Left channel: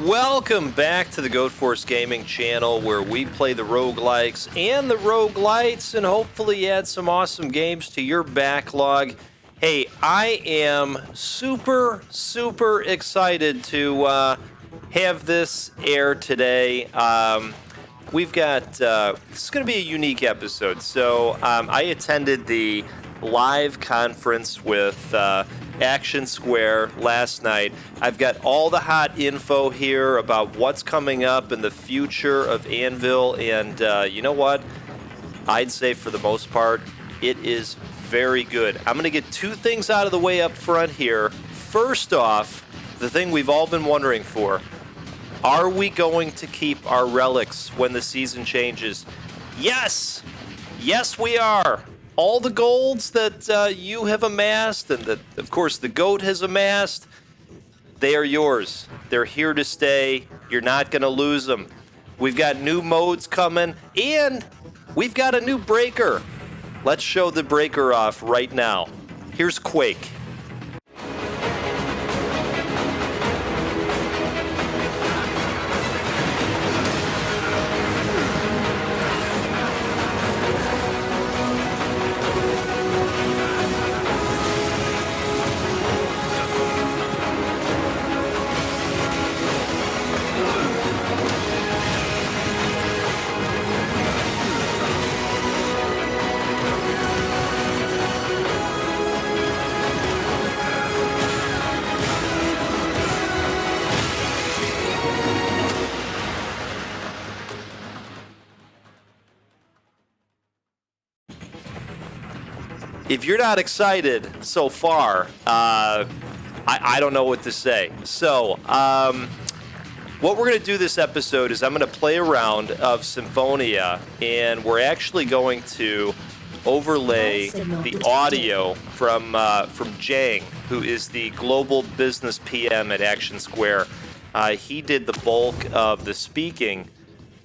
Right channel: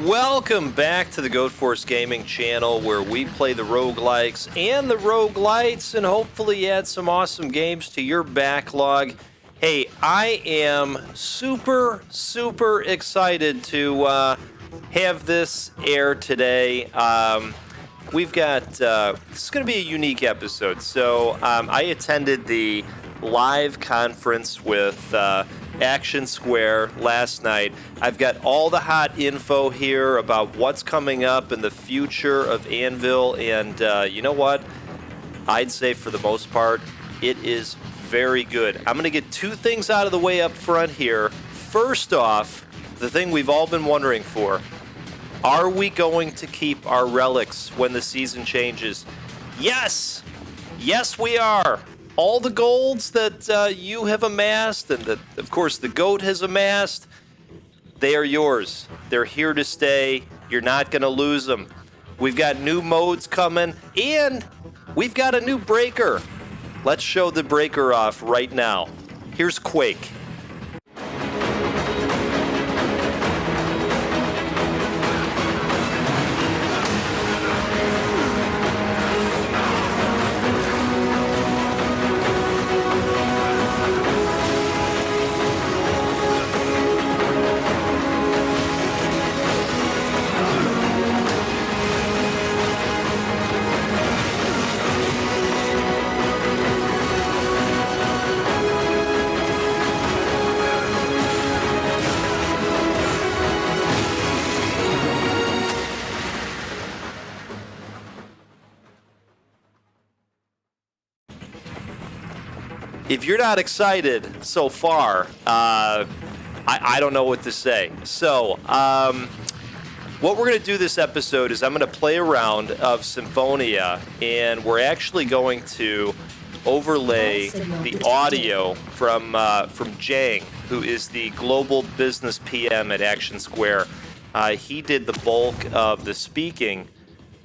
Welcome back to the Goat Force Gaming channel, where we play the roguelikes and the roguelites and hopefully add some awesome games to your backlog. Hey, I am super excited to have this air today. We've got, this is going to be a unique episode. So I attended the live conference with Action Square last night. I've got all the hot info here about what's coming up in the future of Anvil, and you know what? I'd say for the most part, it is very good. I'm going to get two things out of the way up front here. First off, the thing we've all been wondering for. Are we going to keep our relics when the season changes? Yes! Yes, we are! All the golds that you have amassed and that, of course, the goat has amassed, they are yours. They're here to stay. You're not going to lose them. We've got new modes coming, and we've got a new breaker. Let's show the breaker off right now. Here's Quake. If you're not excited so far, I don't know what to say. So, what we're going to do this episode is I'm going to play a round of Symphonia, and we're actually going to overlay the audio from Jang, who is the global business PM at Action Square. He did the bulk of the speaking,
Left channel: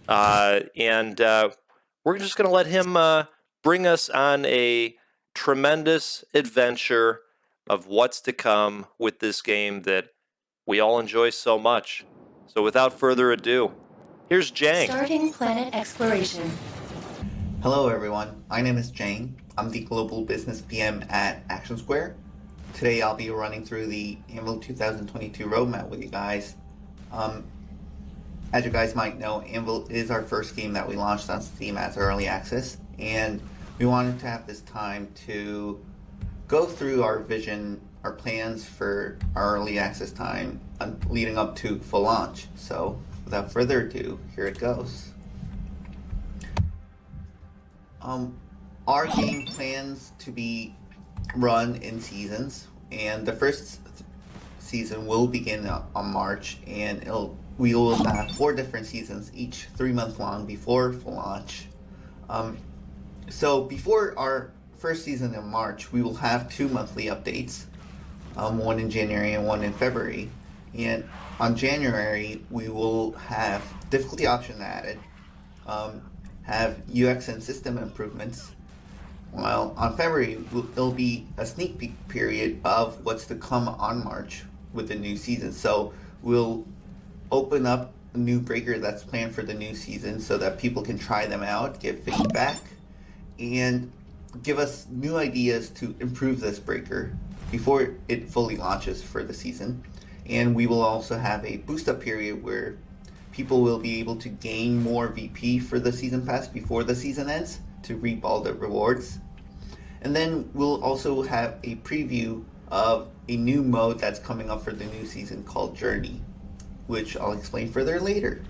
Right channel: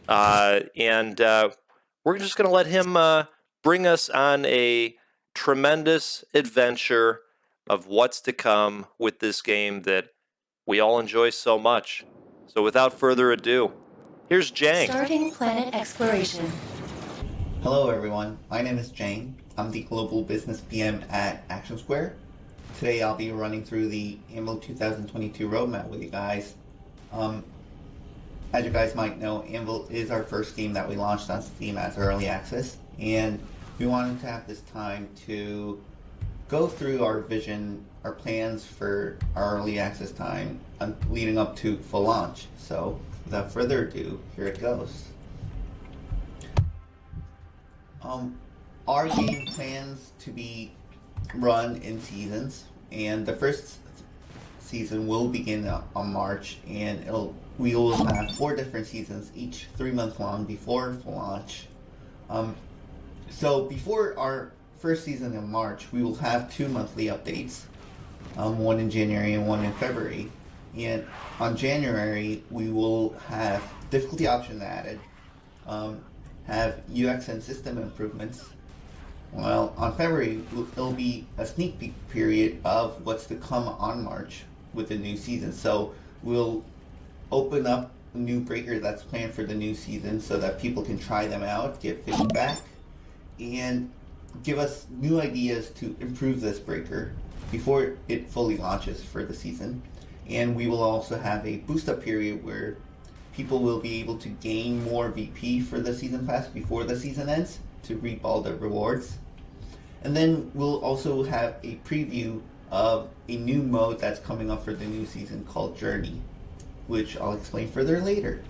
and we're just going to let him bring us on a tremendous adventure of what's to come with this game that we all enjoy so much. So without further ado, here's Jang. Starting planet exploration. Hello everyone, my name is Jang. I'm the Global Business PM at Action Square. Today I'll be running through the Anvil 2022 roadmap with you guys. As you guys might know, Anvil is our first game that we launched on Steam as early access, and we wanted to have this time to go through our vision, our plans for our early access time leading up to full launch. So without further ado, here it goes. Our game plans to be run in seasons, and the first season will begin on March, and we will have 4 different seasons, each 3 months long before full launch. So before our first season in March, we will have 2 monthly updates, one in January and one in February. And on January, we will have difficulty option added, have UX and system improvements. While on February, it'll be a sneak peek period of what's to come on March with the new season. So we'll open up a new breaker that's planned for the new season so that people can try them out, give feedback, and give us new ideas to improve this breaker before it fully launches for the season. And we will also have a boost up period where people will be able to gain more VP for the season pass before the season ends to reap all the rewards. And then we'll also have a preview of a new mode that's coming up for the new season called Journey, which I'll explain further later.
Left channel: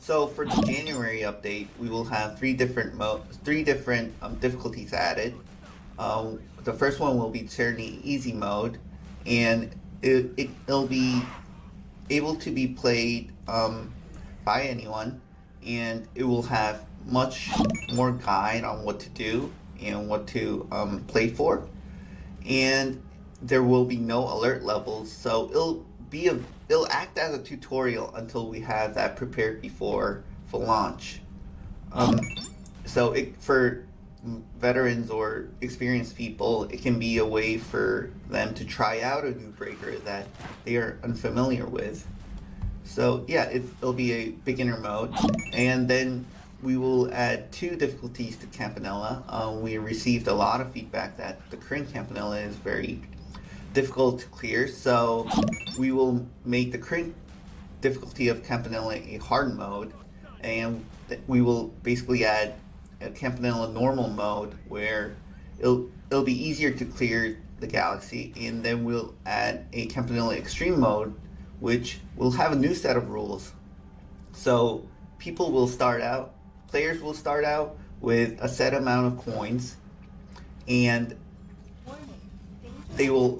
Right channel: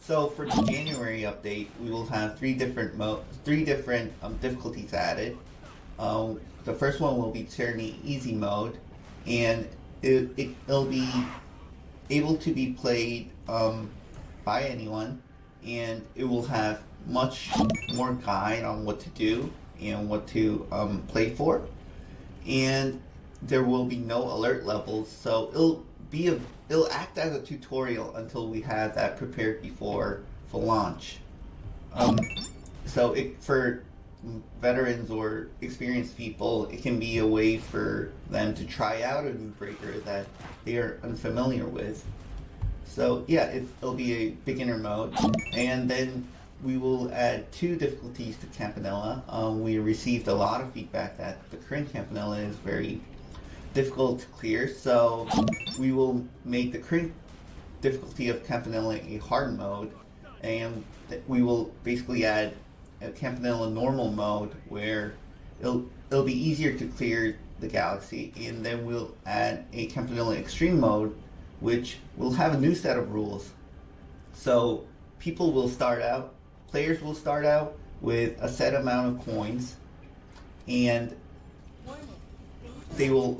So for the January update, we will have 3 different difficulties added. The first one will be Journey Easy mode, and it'll be able to be played by anyone, and it will have much more guide on what to do and what to play for. And there will be no alert levels, so it'll act as a tutorial until we have that prepared before full launch. So for veterans or experienced people, it can be a way for them to try out a new breaker that they are unfamiliar with. So yeah, it'll be a beginner mode, and then we will add 2 difficulties to Campanella. We received a lot of feedback that the current Campanella is very difficult to clear, so we will make the current difficulty of Campanella a hard mode, and we will basically add a Campanella normal mode where it'll be easier to clear the galaxy, and then we'll add a Campanella extreme mode, which will have a new set of rules. So players will start out with a set amount of coins, and the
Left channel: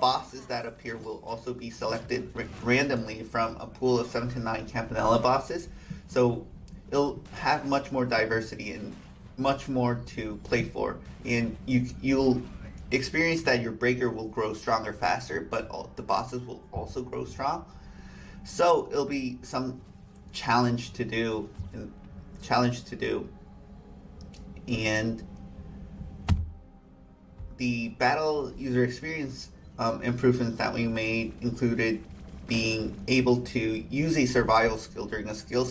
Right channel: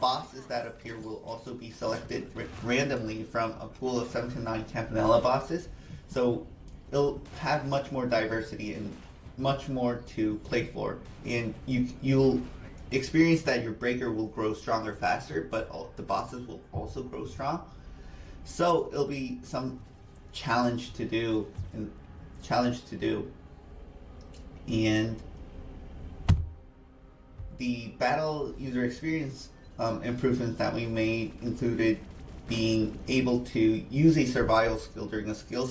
bosses that appear will also be selected randomly from a pool of 7 to 9 Campanella bosses. So it'll have much more diversity and much more to play for, and you'll experience that your breaker will grow stronger faster, but the bosses will also grow strong. So it'll be some challenge to do, and the battle user experience improvements that we made included being able to use a survival skill during a skill,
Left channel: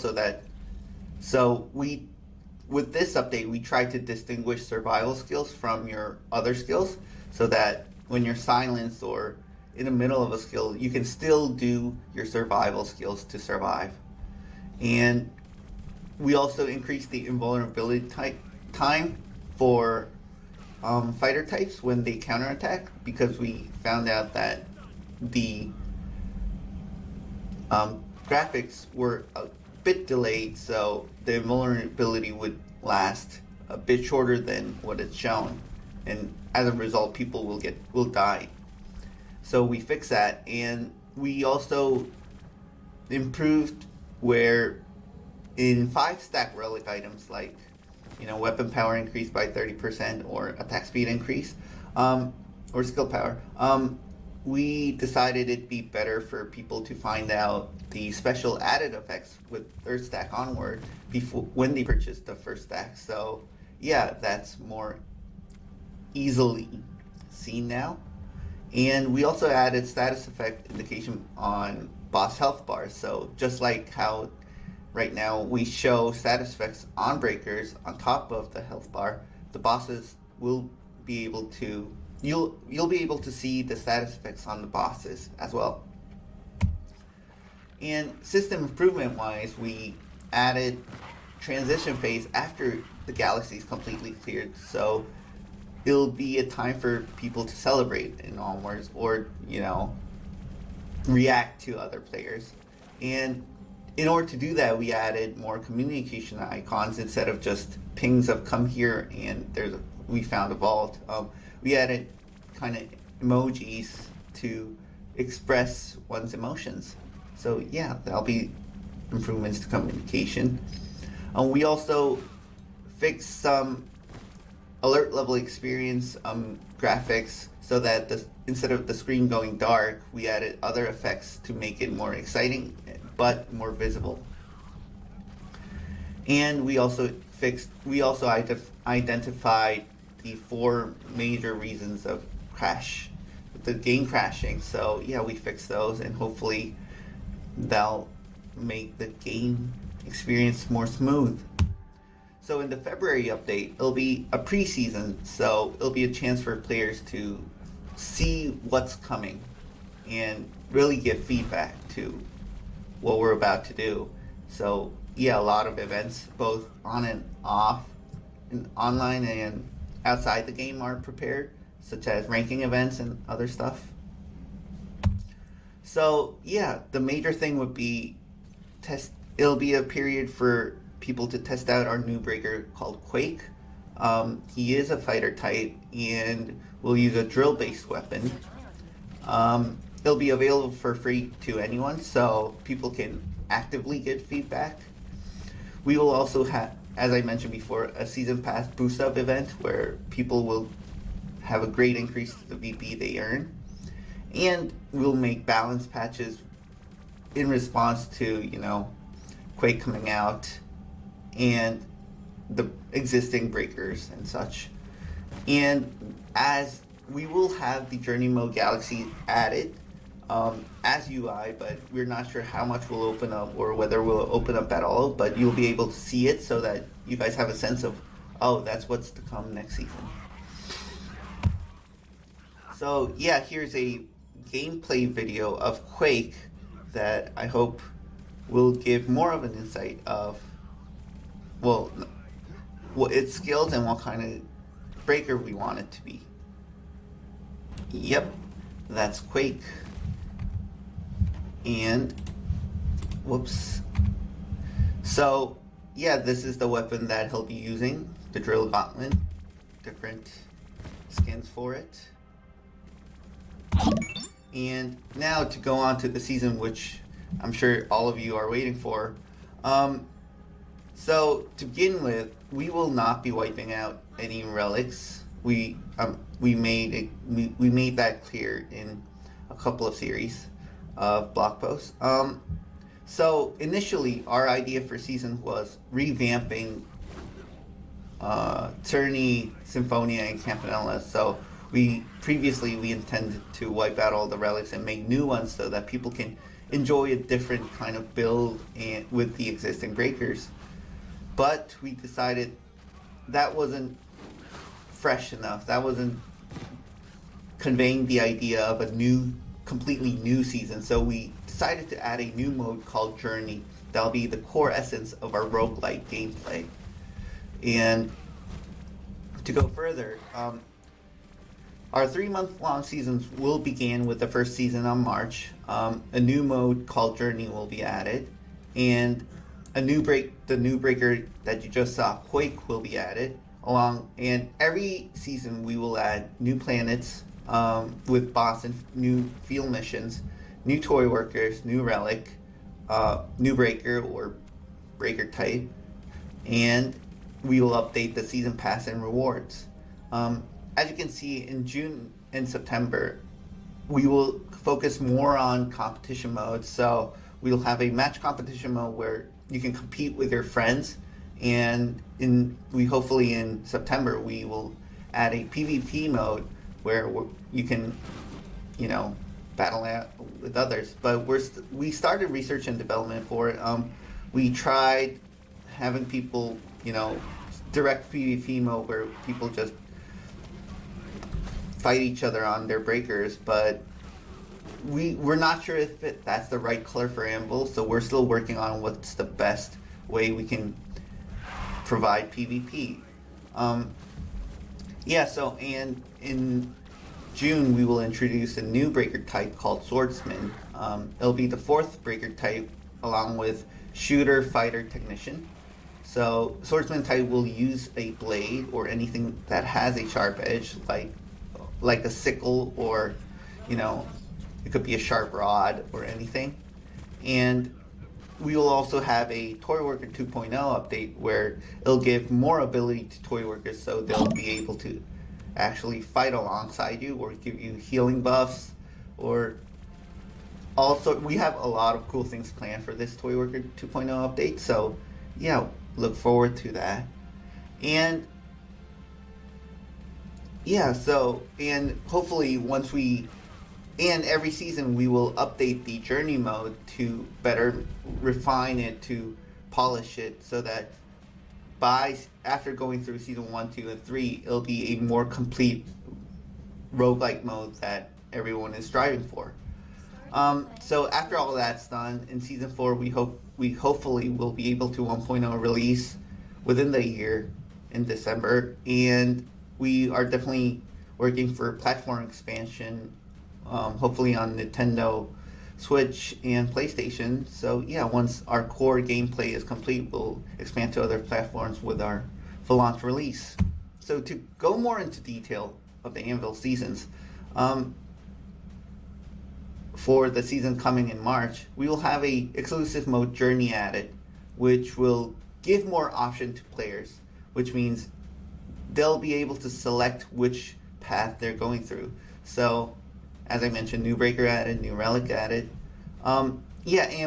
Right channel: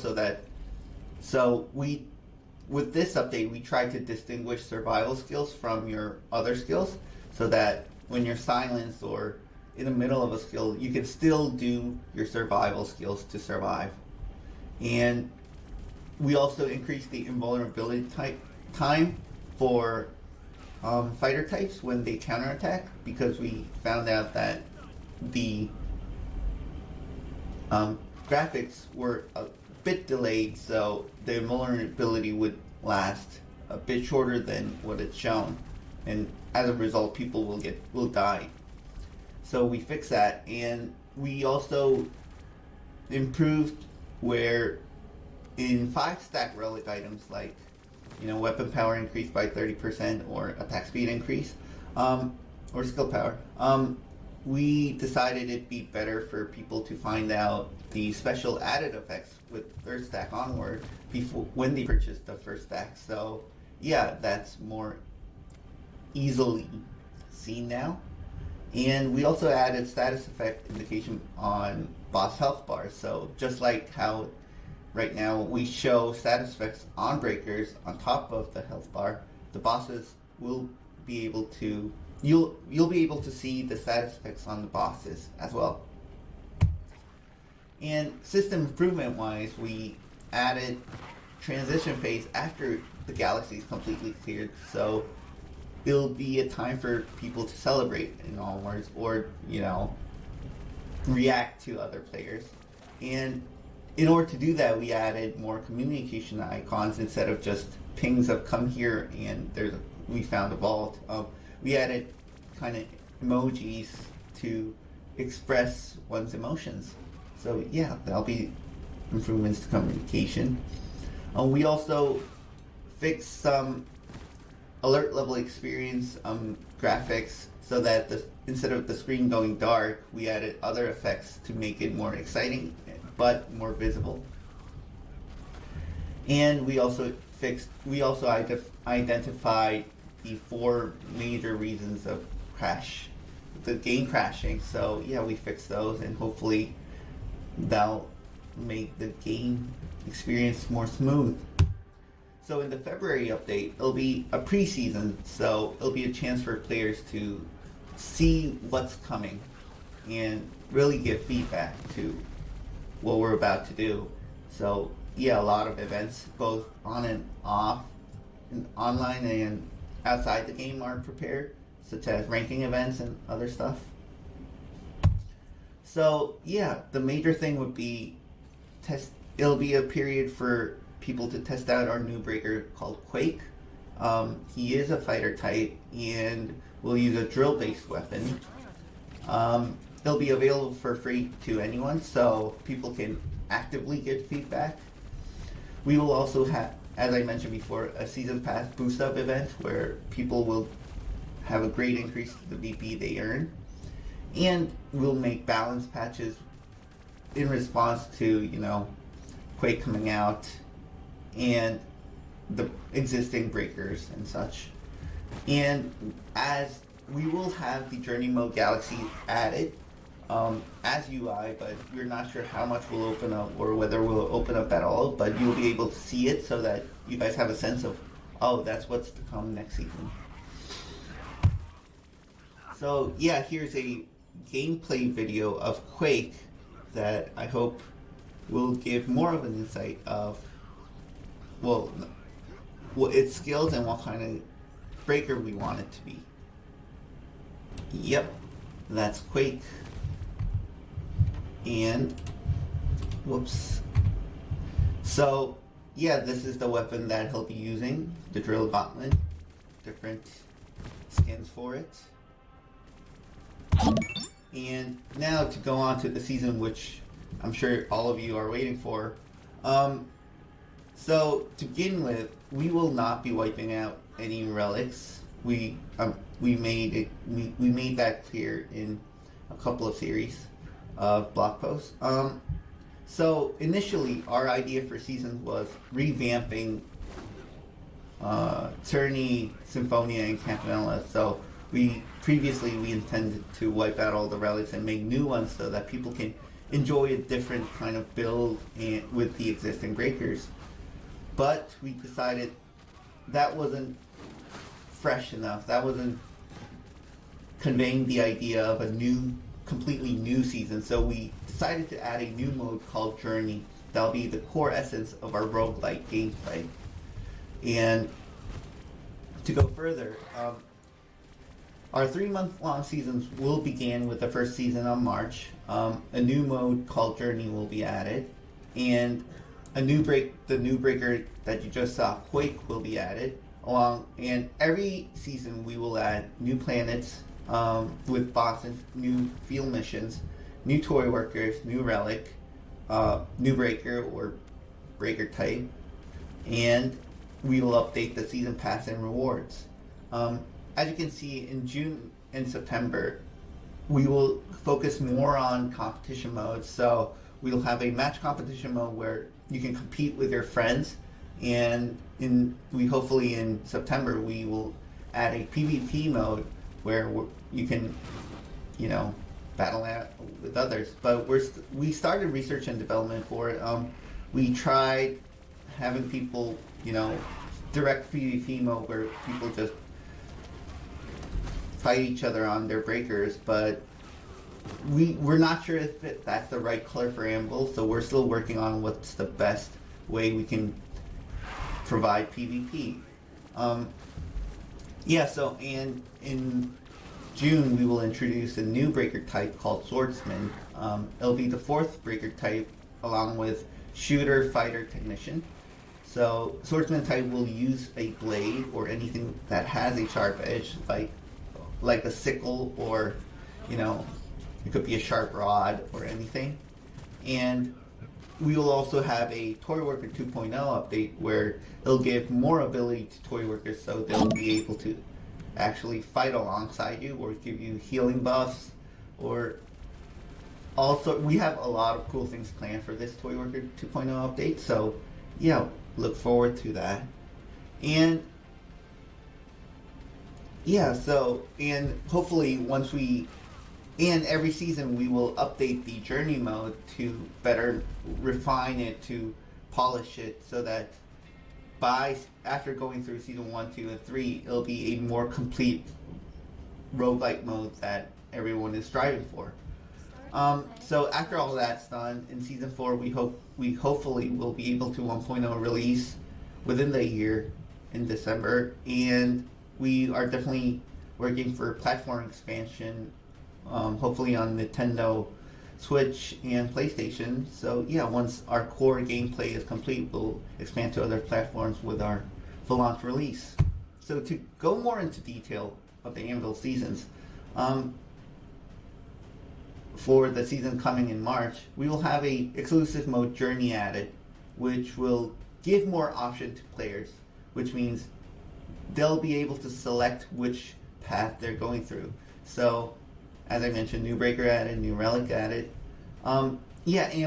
with this update, we tried to distinguish survival skills from your other skills, so that when you're silenced or in the middle of a skill, you can still do your survival skills to survive. And we also increased the invulnerability time for fighter types when they counterattack, because we found out that the graphics were a bit delayed, so the invulnerability would last a bit shorter than what it's shown, and as a result, people will die. So we fixed that, and we also improved where in 5-stack relic items, like weapon power increased by 30% or attack speed increase, or skill power, we decided it'd be better for people to find out the special added effects with 3rd stack onward when they purchase the 1st stack. So yeah, that's more easily seen now. And we also added status effect indication on boss health bars. So just like how right now we show status effects on breakers on top of the health bar, the bosses will be able to you'll be able to see the status effects on the bosses as well. And system improvement wise, we added transition phase after the galaxy is completely cleared, so it'll be a time for people to celebrate in onwards, or react to other players. And in order to do that, we added more communication icons instead of just pings of come here and we found a vault. We added kind of emojis to express one's emotions. So yeah, that'll be improvements to communication. We also fixed some alert level experience graphics, so that instead of the screen going dark, we added other effects to make it more exciting but more visible. And we also identified the 4 major reasons of the game crashing. So yeah, we fixed those, and hopefully that'll make the game experience more smooth. So in the February update, it'll be a preseason, so it'll be a chance for players to see what's coming and really give feedback to what we're about to do. So yeah, a lot of events, both on and off, and online and outside the game, are prepared, such as ranking events and other stuff. So yeah, the major thing would be it'll be a period for people to test out our new breaker called Quake. He is a fighter type and will use a drill-based weapon. It'll be available for free to anyone, so people can actively get feedback. We will also have, as I mentioned before, a season pass boost up event where people will have a great increase to the VP they earn. And we'll make balance patches in response to, Quake coming out. And the existing breakers and such. And as we will have the Journey Mode Galaxy added as UI, but we're not sure how much will open up or whether we'll open up at all, but you'll be able to see it so that you guys have a sense of, oh, that's what's to come next season. So yeah, here's a gameplay video of Quake that I hope will give more of an insight of, well, what its skills and what kind of breaker we want it to be. Yep, that's Quake. And, whoops. So, yeah, this is the weapon that he'll be using, the Drill Gauntlet. Different skins for it. And now to go on to the season, which I'm sure all of you are waiting for. So to begin with, we will not be wiping out any relics. We made that clear in a couple of series of blog posts. So initially, our idea for season was revamping Tyranny, Symphonia, and Campanella. So we intended to wipe out all the relics and make new ones so that people can enjoy a different kind of build with the existing breakers. But we decided that wasn't fresh enough. That wasn't conveying the idea of a completely new season. So we decided to add a new mode called Journey. That'll be the core essence of our roguelite gameplay. And to go further, our 3-month-long seasons will begin with the first season on March. A new mode called Journey will be added, and the new breaker that you just saw, Quake, will be added. And every season we will add new planets with boss and new field missions, new toy workers, new relic, new breaker or breaker type, and we will update the season pass and rewards. As you can see, in June and September, we will focus more on competition modes. So we'll have a match competition mode where you can compete with your friends, and hopefully in September we will add a PvP mode where you can, battle out with others. But we started research and development for it. We tried having people, direct PvP mode where people just fight each other on their breakers, but we're not sure if that's the right color for Anvil, so we're still working on what's the best way we can provide PvP. So in June we will introduce a new breaker type called Swordsman. It'll be the 4th breaker type along with Shooter, Fighter, Technician. So Swordsman type will use a blade or anything that has a sharp edge, like a sickle, or it could be a sharp rod or anything. And we will also have a Toy Worker 2.0 update where it'll give more ability to Toy Workers, so they'll be able to actually fight alongside you or give you healing buffs. Or also, we have a lot of cool things planned for this Toy Worker 2.0 update, so yeah, look forward to that. And and hopefully every season we will update the Journey mode to better refine it, to polish it, so that after going through season 1, 2, and 3, it'll be a more complete roguelike mode that everyone is striving for. So after all that's done, in season 4, we hopefully will be able to 1.0 release within the year in December, and we are definitely working for platform expansion, hopefully on Nintendo Switch and PlayStation. So yeah, once our core gameplay is complete, we'll expand to other platforms with our full launch release. So to go more into detail of the Anvil seasons, for the season coming in March, we will have a exclusive mode Journey added, which will give more option to players, which means they'll be able to select which path they're going through. So, as I mentioned, new breaker added, new relic added. And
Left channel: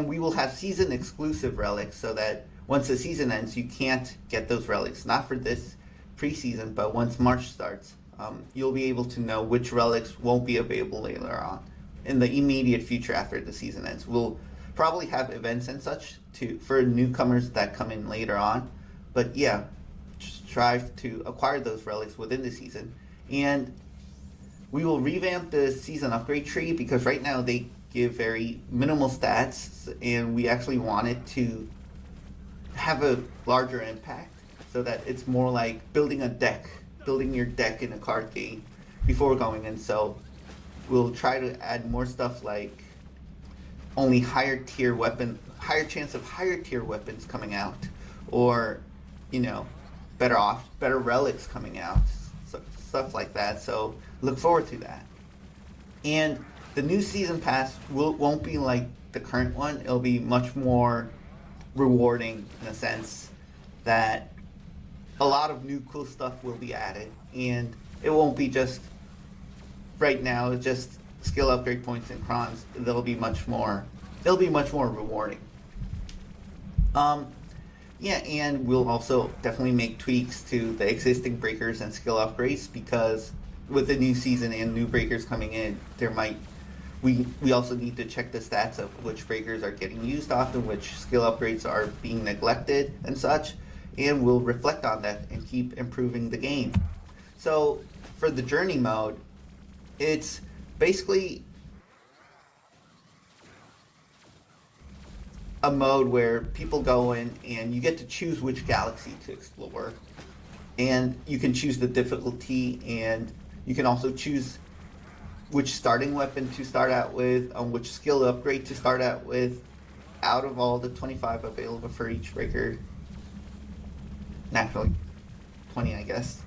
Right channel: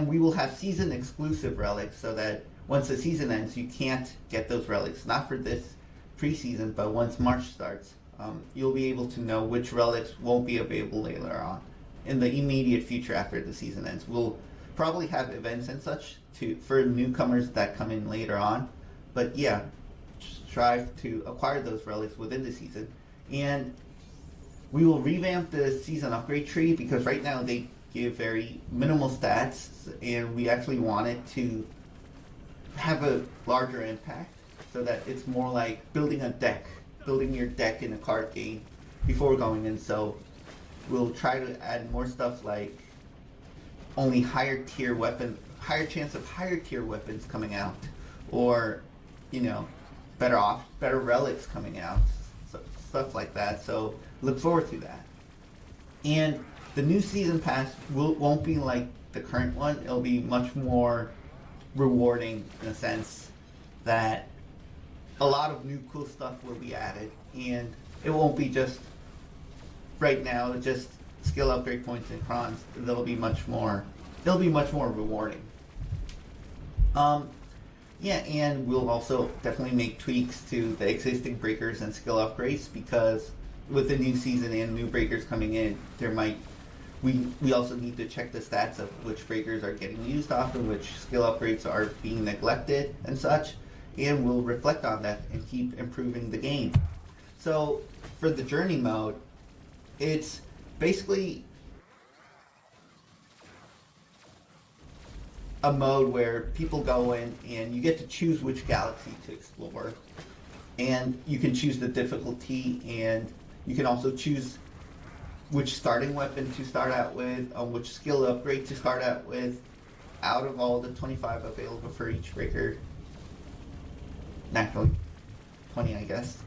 we will have season exclusive relics so that once the season ends, you can't get those relics. Not for this preseason, but once March starts, you'll be able to know which relics won't be available later on. In the immediate future after the season ends, we'll probably have events and such for newcomers that come in later on. But yeah, strive to acquire those relics within the season. And we will revamp the season upgrade tree because right now they give very minimal stats, and we actually want it to have a larger impact so that it's more like building your deck in a card game before going in. So we'll try to add more stuff like only higher chance of higher tier weapons coming out, or better relics coming out, so, stuff like that. So look forward to that. And the new season pass won't be like the current one. It'll be much more rewarding in a sense that a lot of new cool stuff will be added, and it won't be just right now just skill upgrade points and crons. It'll be much more rewarding. Yeah, and we'll also definitely make tweaks to the existing breakers and skill upgrades, because with the new season and new breakers coming in, we also need to check the stats of which breakers are getting used often, which skill upgrades are being neglected and such, and we'll reflect on that and keep improving the game. So for the journey mode, it's basically a mode where people go in and you get to choose which galaxy to explore, and you can choose the difficulty, and you can also choose which starting weapon to start out with, which skill upgrade to start out with, out of all the 25 available for each breaker. Naturally, 20, I guess.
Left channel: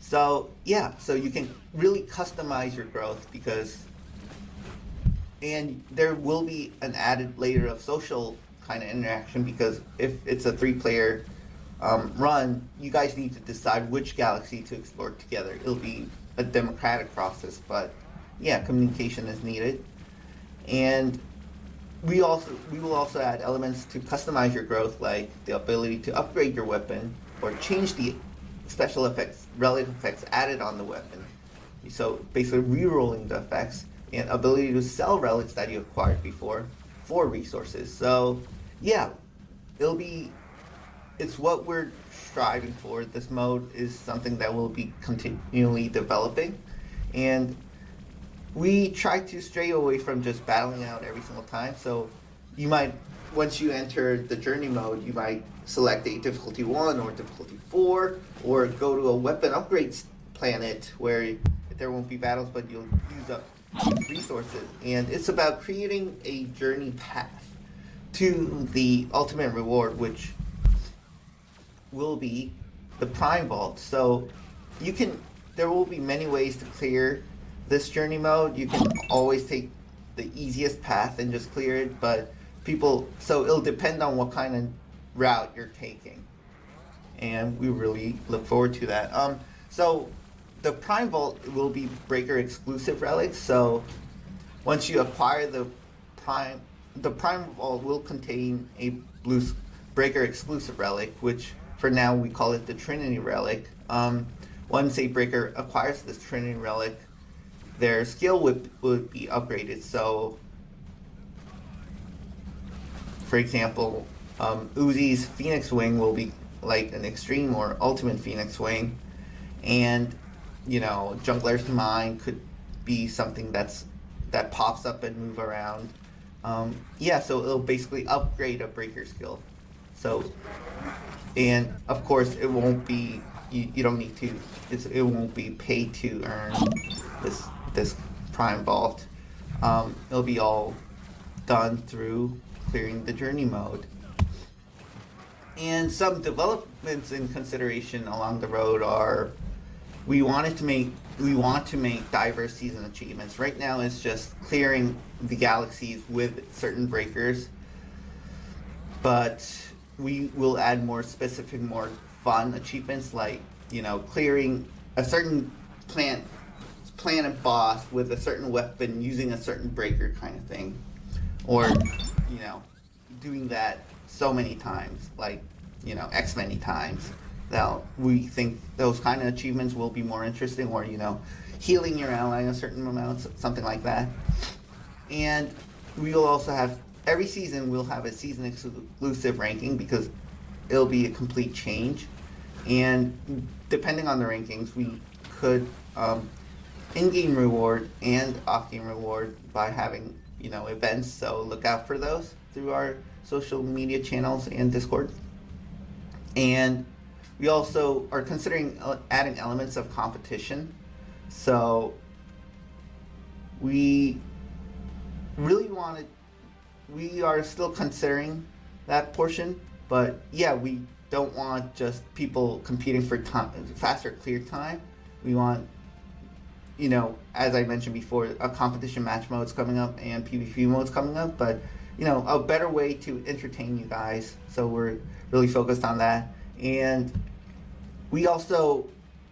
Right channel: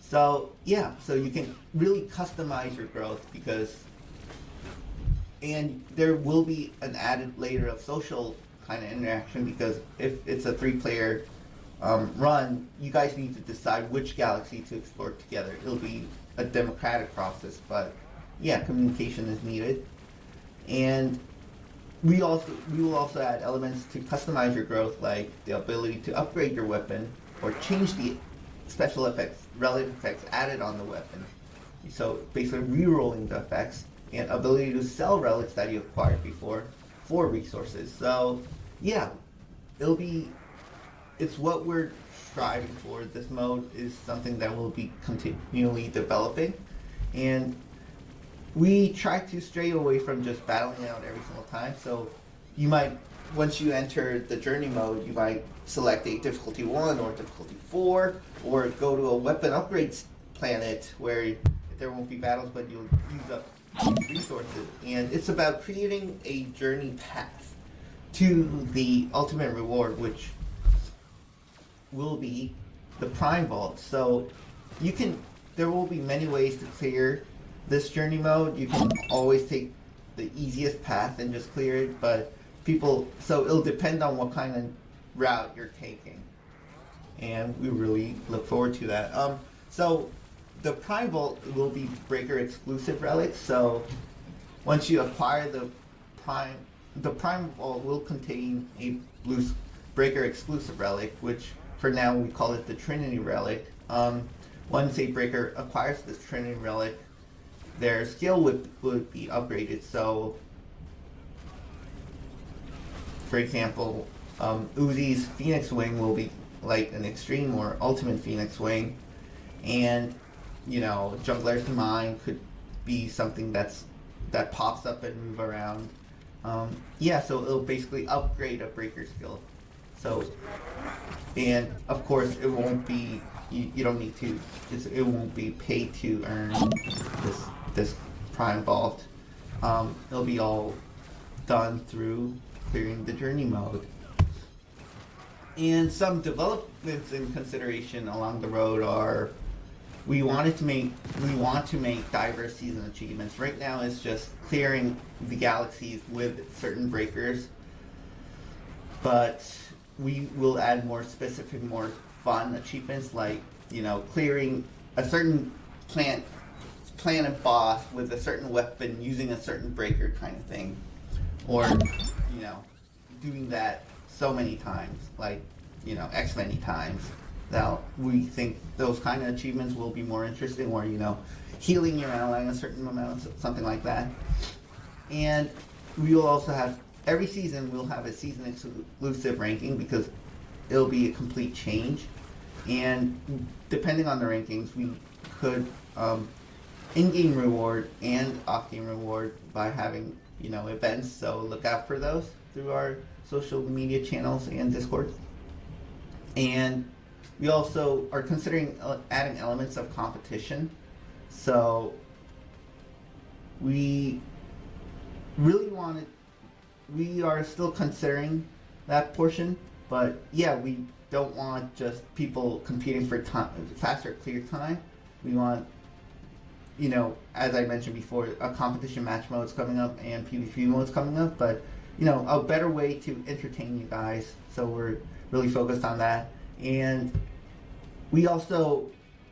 So you can really customize your growth, and there will be an added layer of social kind of interaction, because if it's a 3-player run, you guys need to decide which galaxy to explore together. It'll be a democratic process, but yeah, communication is needed. And we will also add elements to customize your growth, like the ability to upgrade your weapon or change the special effects, relative effects added on the weapon. So basically re-rolling the effects, and ability to sell relics that you acquired before for resources. So yeah, it's what we're striving for. This mode is something that will be continually developing, and we try to stray away from just battling out every single time. So you might, once you enter the journey mode, you might select a difficulty 1 or difficulty 4, or go to a weapon upgrades planet where there won't be battles, but you'll use up resources. And it's about creating a journey path to the ultimate reward, which will be the Prime Vault. So there will be many ways to clear this journey mode. You can always take the easiest path and just clear it, but so it'll depend on what kind of route you're taking, and we really look forward to that. So the Prime Vault will be breaker exclusive relics. So once you acquire the Prime Vault will contain a blue breaker exclusive relic, which for now we call it the Trinity relic. Once a breaker acquires this Trinity relic, their skill would be upgraded. So for example, Uzi's Phoenix Wing will be like an extreme or ultimate Phoenix Wing, and Jungler's Mine could be something that pops up and move around. So it'll basically upgrade a breaker skill. So, and of course it won't be, you don't need to, it won't be paid to earn this Prime Vault. It'll be all done through clearing the journey mode. And some developments in consideration along the road are, we want to make diverse season achievements. Right now it's just clearing the galaxies with certain breakers, but we will add more specific, more fun achievements, like clearing a certain planet boss with a certain weapon using a certain breaker kind of thing, or doing that so many times, like, X many times. Now, we think those kind of achievements will be more interesting, or, healing your ally a certain amount, something like that. And we will also have, every season, we'll have a season exclusive ranking because it'll be a complete change. And depending on the rankings, we could in-game reward and off-game reward by having, events. So look out for those through our social media channels and Discord. And we also are considering adding elements of competition. So we are still considering that portion, but yeah, we don't want just people competing for time, faster clear time. We want, as I mentioned before, a competition match mode's coming up and PvP mode's coming up, but a better way to entertain you guys. So we're really focused on that. And we also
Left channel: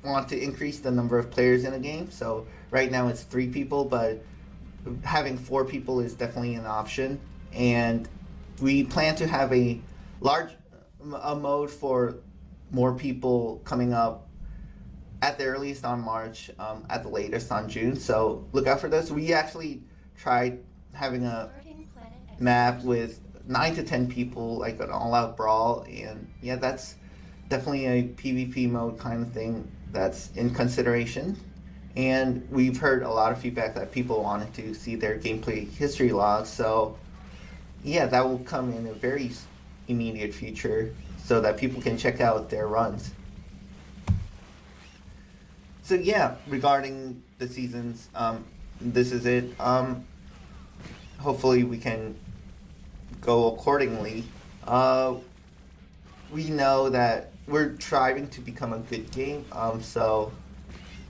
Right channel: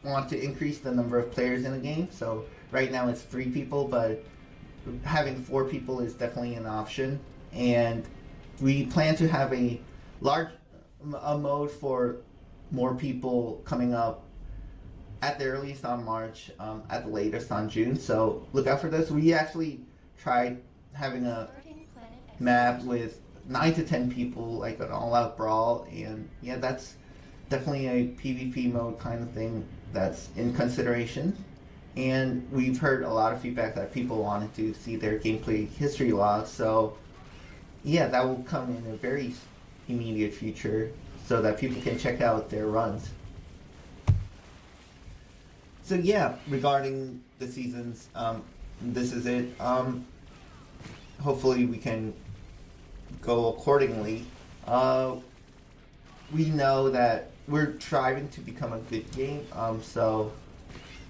want to increase the number of players in a game. So right now it's 3 people, but having 4 people is definitely an option. And we plan to have a mode for more people coming up at the earliest on March, at the latest on June. So look out for this. We actually tried having a map with 9 to 10 people, like an all-out brawl, and yeah, that's definitely a PvP mode kind of thing that's in consideration. And we've heard a lot of feedback that people wanted to see their gameplay history logs, so yeah, that will come in a very immediate future so that people can check out their runs. So yeah, regarding the seasons, this is it. Hopefully we can go accordingly. We know that we're striving to become a good game, so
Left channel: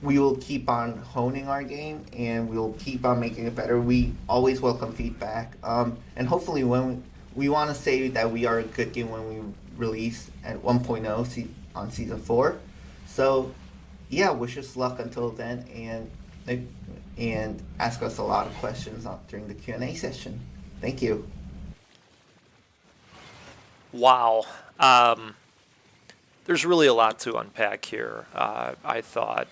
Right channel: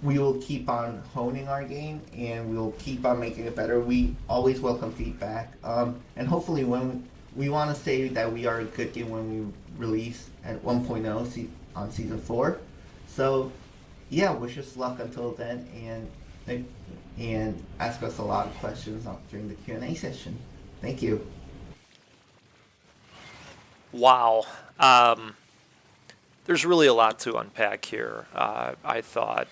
we will keep on honing our game and we'll keep on making it better. We always welcome feedback, and hopefully when we want to say that we are a good game when we release at 1.0 on season 4. So yeah, wish us luck until then, and ask us a lot of questions during the Q&A session. Thank you. Wow. There's really a lot to unpack here. I thought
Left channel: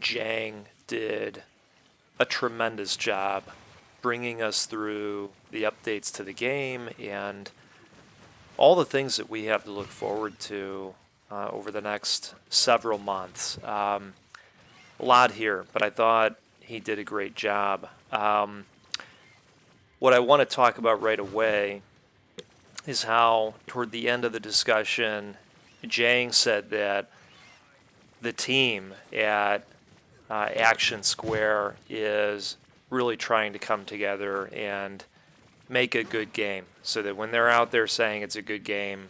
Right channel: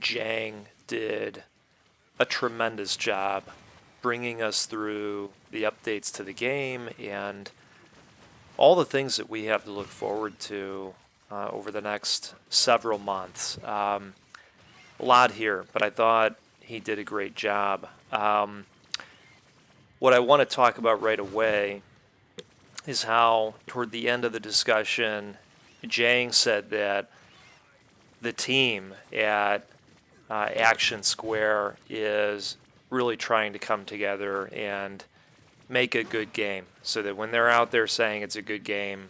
Jang did a tremendous job bringing us through the updates to the game and all the things that we have to look forward to over the next several months. A lot here, but I thought he did a great job. What I want to talk about right away is how, toward the end of the discussion, Jang said that the team at Action Square is really trying to come together and make a good game, so that when they're out there saying it's a good game,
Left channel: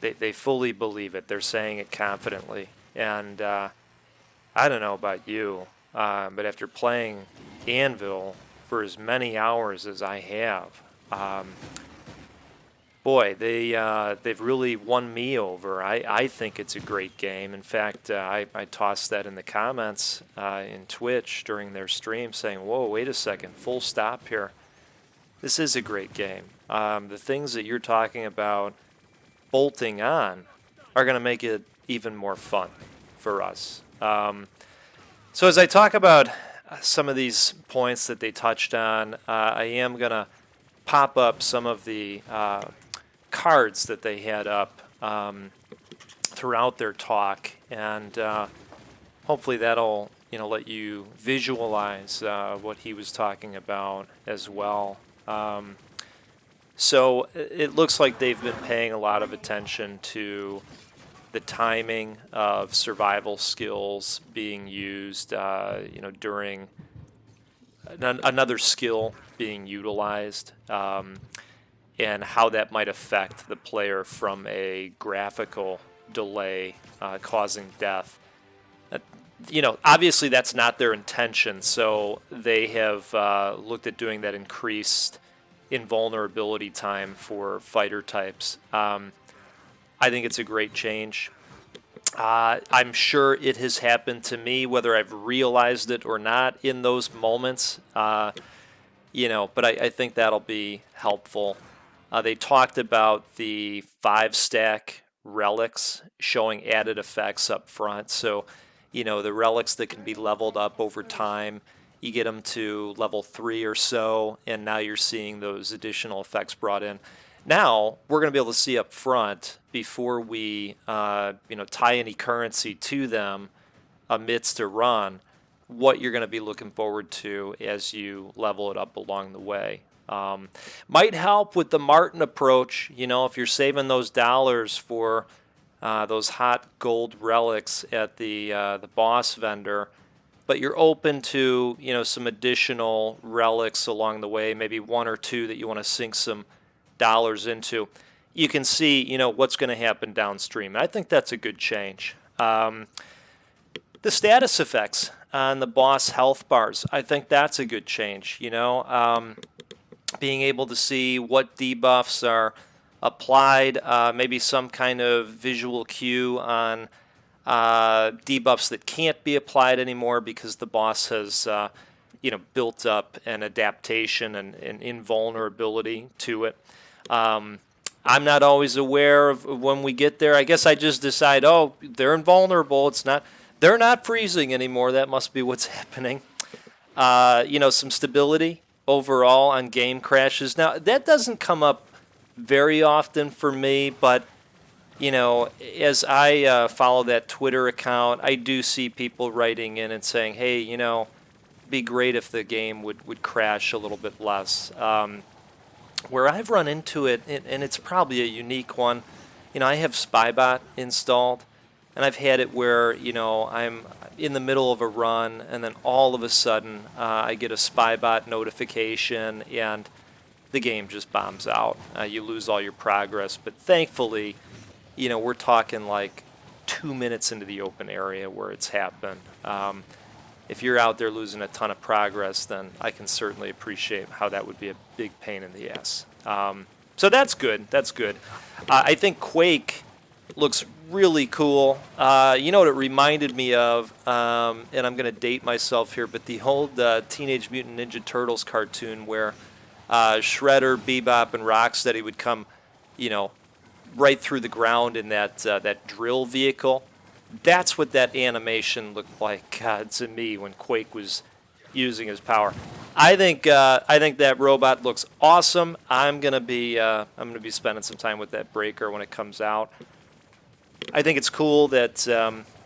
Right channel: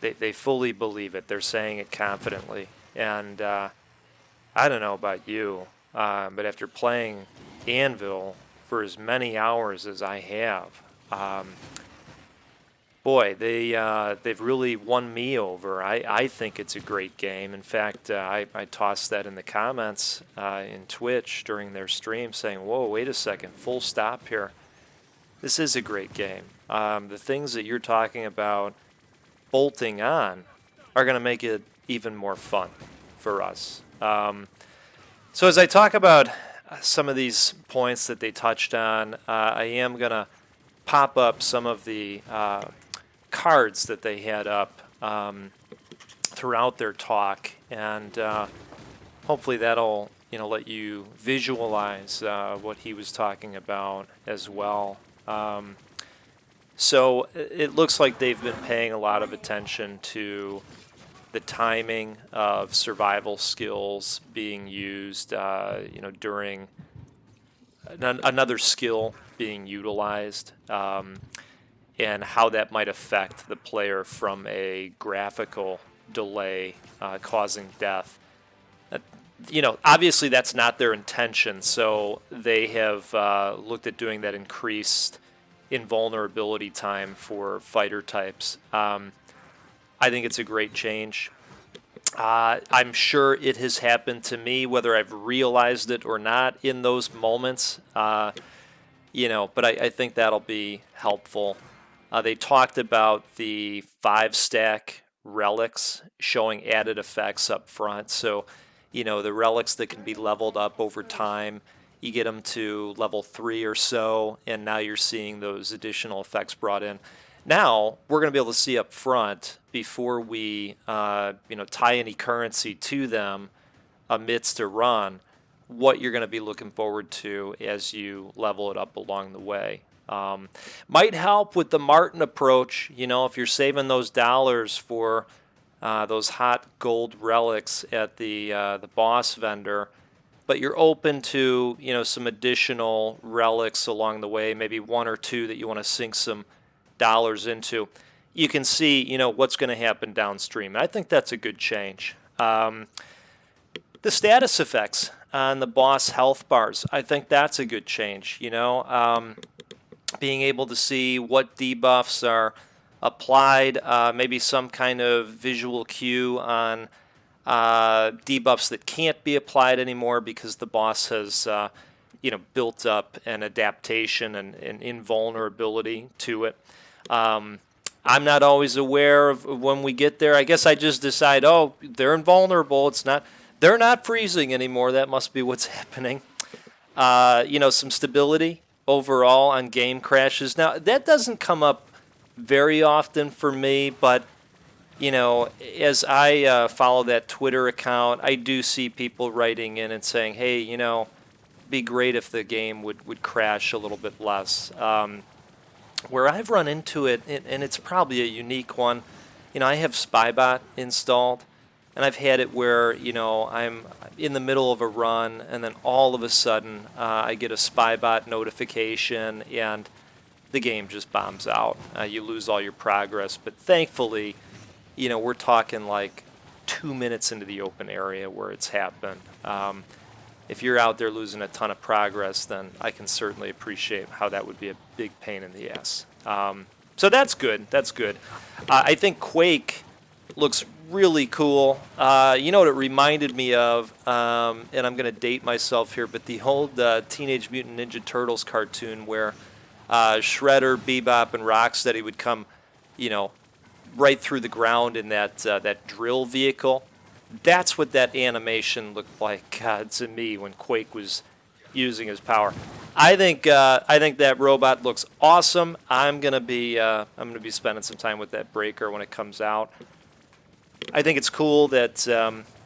they fully believe it. They're saying it confidently. And I don't know about you, but after playing Anvil for as many hours as I have, boy, they've really won me over. I think it's a great game. In fact, I tossed that in the comments in Twitch during their stream, saying, whoa, wait a second, full stop here. This is a great game. The things that you're talking about bolting on are going to make it even more fun for us. So as I talk about some of these points that they touched on, I am going to pop up some of the cards that they had up throughout their talk, and hopefully that'll let you visualize what he was talking about as well. So it looks like they've been paying a lot of attention to the timing of survival skills being used, during another skill being utilized, and how that might affect the player from a graphical delay causing death. Obviously that's not their intention, so they have looked at doing that increased invulnerability time for fighter types. I think it's a great change. I'm sure it has happened to me, whether I've realized it or not in those moments, but I think that'll be helpful. They talked about the 5-stack relics showing added effects up front. So, the relics that can be leveled up over time, you get them to level 3 or so, and now you're seeing those additional effects brought in. Now, we're going to be able to see up front before we tie any currency to them amidst a run, what you're going to be looking forward to as you level it up along the way. Might help with the Martin approach, if you're saving those dollars for those hot gold relics at the boss vendor, but you're open to some additional relics along the way, maybe 1 or 2 that you want to sink some dollars into. You can see what's going to happen downstream. I think that's a good change. The status effects on the boss health bars, I think that's a good change. Being able to see what debuffs are applied, maybe some kind of visual cue on debuffs that can't be applied anymore because the boss has built up an adaptation and invulnerability to it. I'm not always aware of when we get there. I guess I just decide, they're invulnerable. They're not freezing anymore. That must be what's happening. Some stability overall on game crashes. Now, that doesn't come up very often for me, but, as I follow that Twitter account, I do see people writing in and saying, hey, it'd be great if the game would crash a little bit less. Where I've run into it, and it's probably a unique one, I have Spybot installed, and I've had it where, I'm in the middle of a run, and then all of a sudden I get a Spybot notification, and the game just bombs out. You lose all your progress. But thankfully, we're talking like 2 minutes into the open area where it's happened. If you're out there losing a ton of progress, then I can certainly appreciate how that would be a big pain in the ass. So that's good. That's good. I think Quake looks really cool. What it reminded me of, and I'm going to date myself here, but the old Teenage Mutant Ninja Turtles cartoon where Shredder, Bebop, and Rocksteady would come, right through the ground in that drill vehicle. That's what that animation looked like to me when Quake was using his power. I think that robot looks awesome. I'm gonna be spending some time with that breaker when it comes out. I think it's cool that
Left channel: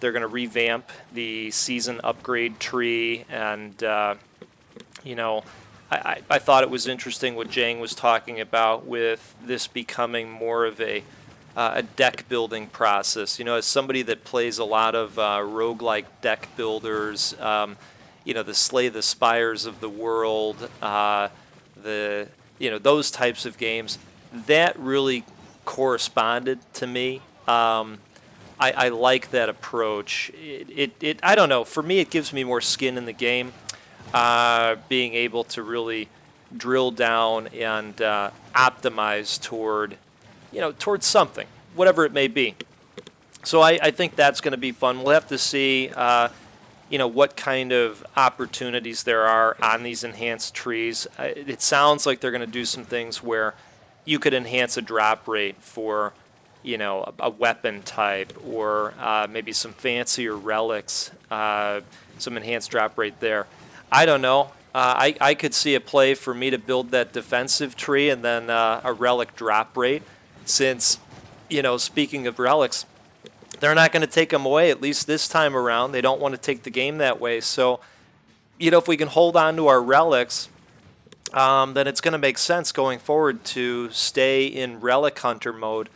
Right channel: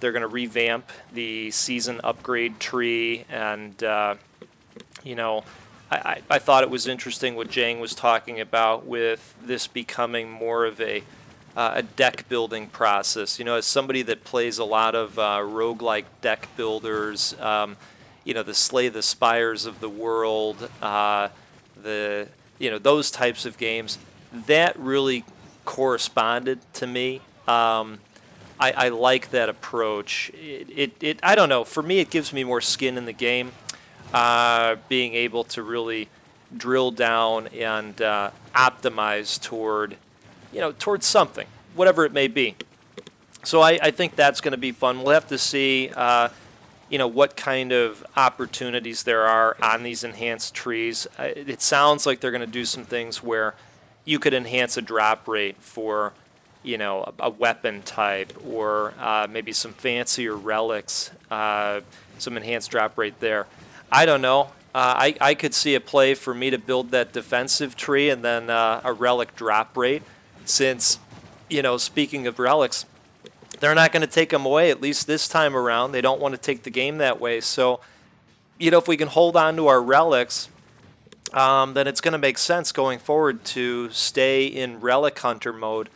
they're gonna revamp the season upgrade tree, and I thought it was interesting what Jang was talking about with this becoming more of a deck building process. As somebody that plays a lot of roguelike deck builders, the Slay the Spires of the world, those types of games, that really corresponded to me. I like that approach. It I don't know. For me, it gives me more skin in the game. Being able to really drill down and optimize towards something, whatever it may be. So I think that's going to be fun. We'll have to see, what kind of opportunities there are on these enhanced trees. It sounds like they're going to do some things where you could enhance a drop rate for, a weapon type, or maybe some fancier relics, some enhanced drop rate there. I don't know. I could see a play for me to build that defensive tree and then a relic drop rate, since, speaking of relics, they're not going to take them away, at least this time around. They don't want to take the game that way. So, if we can hold on to our relics, then it's going to make sense going forward to stay in relic hunter mode,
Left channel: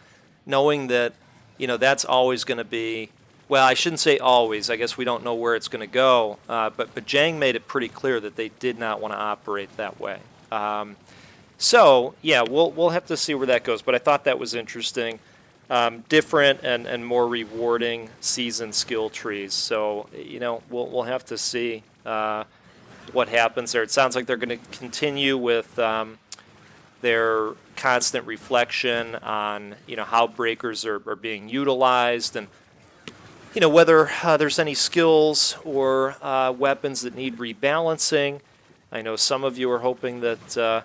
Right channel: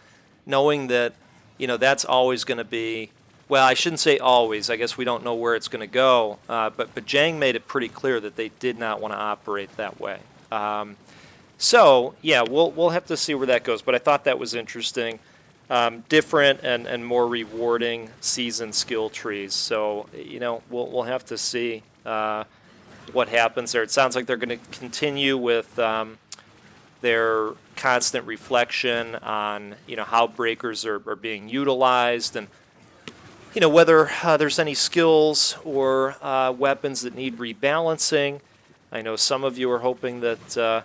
knowing that, that's always going to be, well, I shouldn't say always. I guess we don't know where it's going to go. But Jang made it pretty clear that they did not want to operate that way. So, yeah, we'll have to see where that goes. But I thought that was interesting. Different and more rewarding season skill trees. So, we'll have to see what happens there. It sounds like they're going to continue with their constant reflection on, how breakers are being utilized, and whether there's any skills or weapons that need rebalancing. I know some of you are hoping that,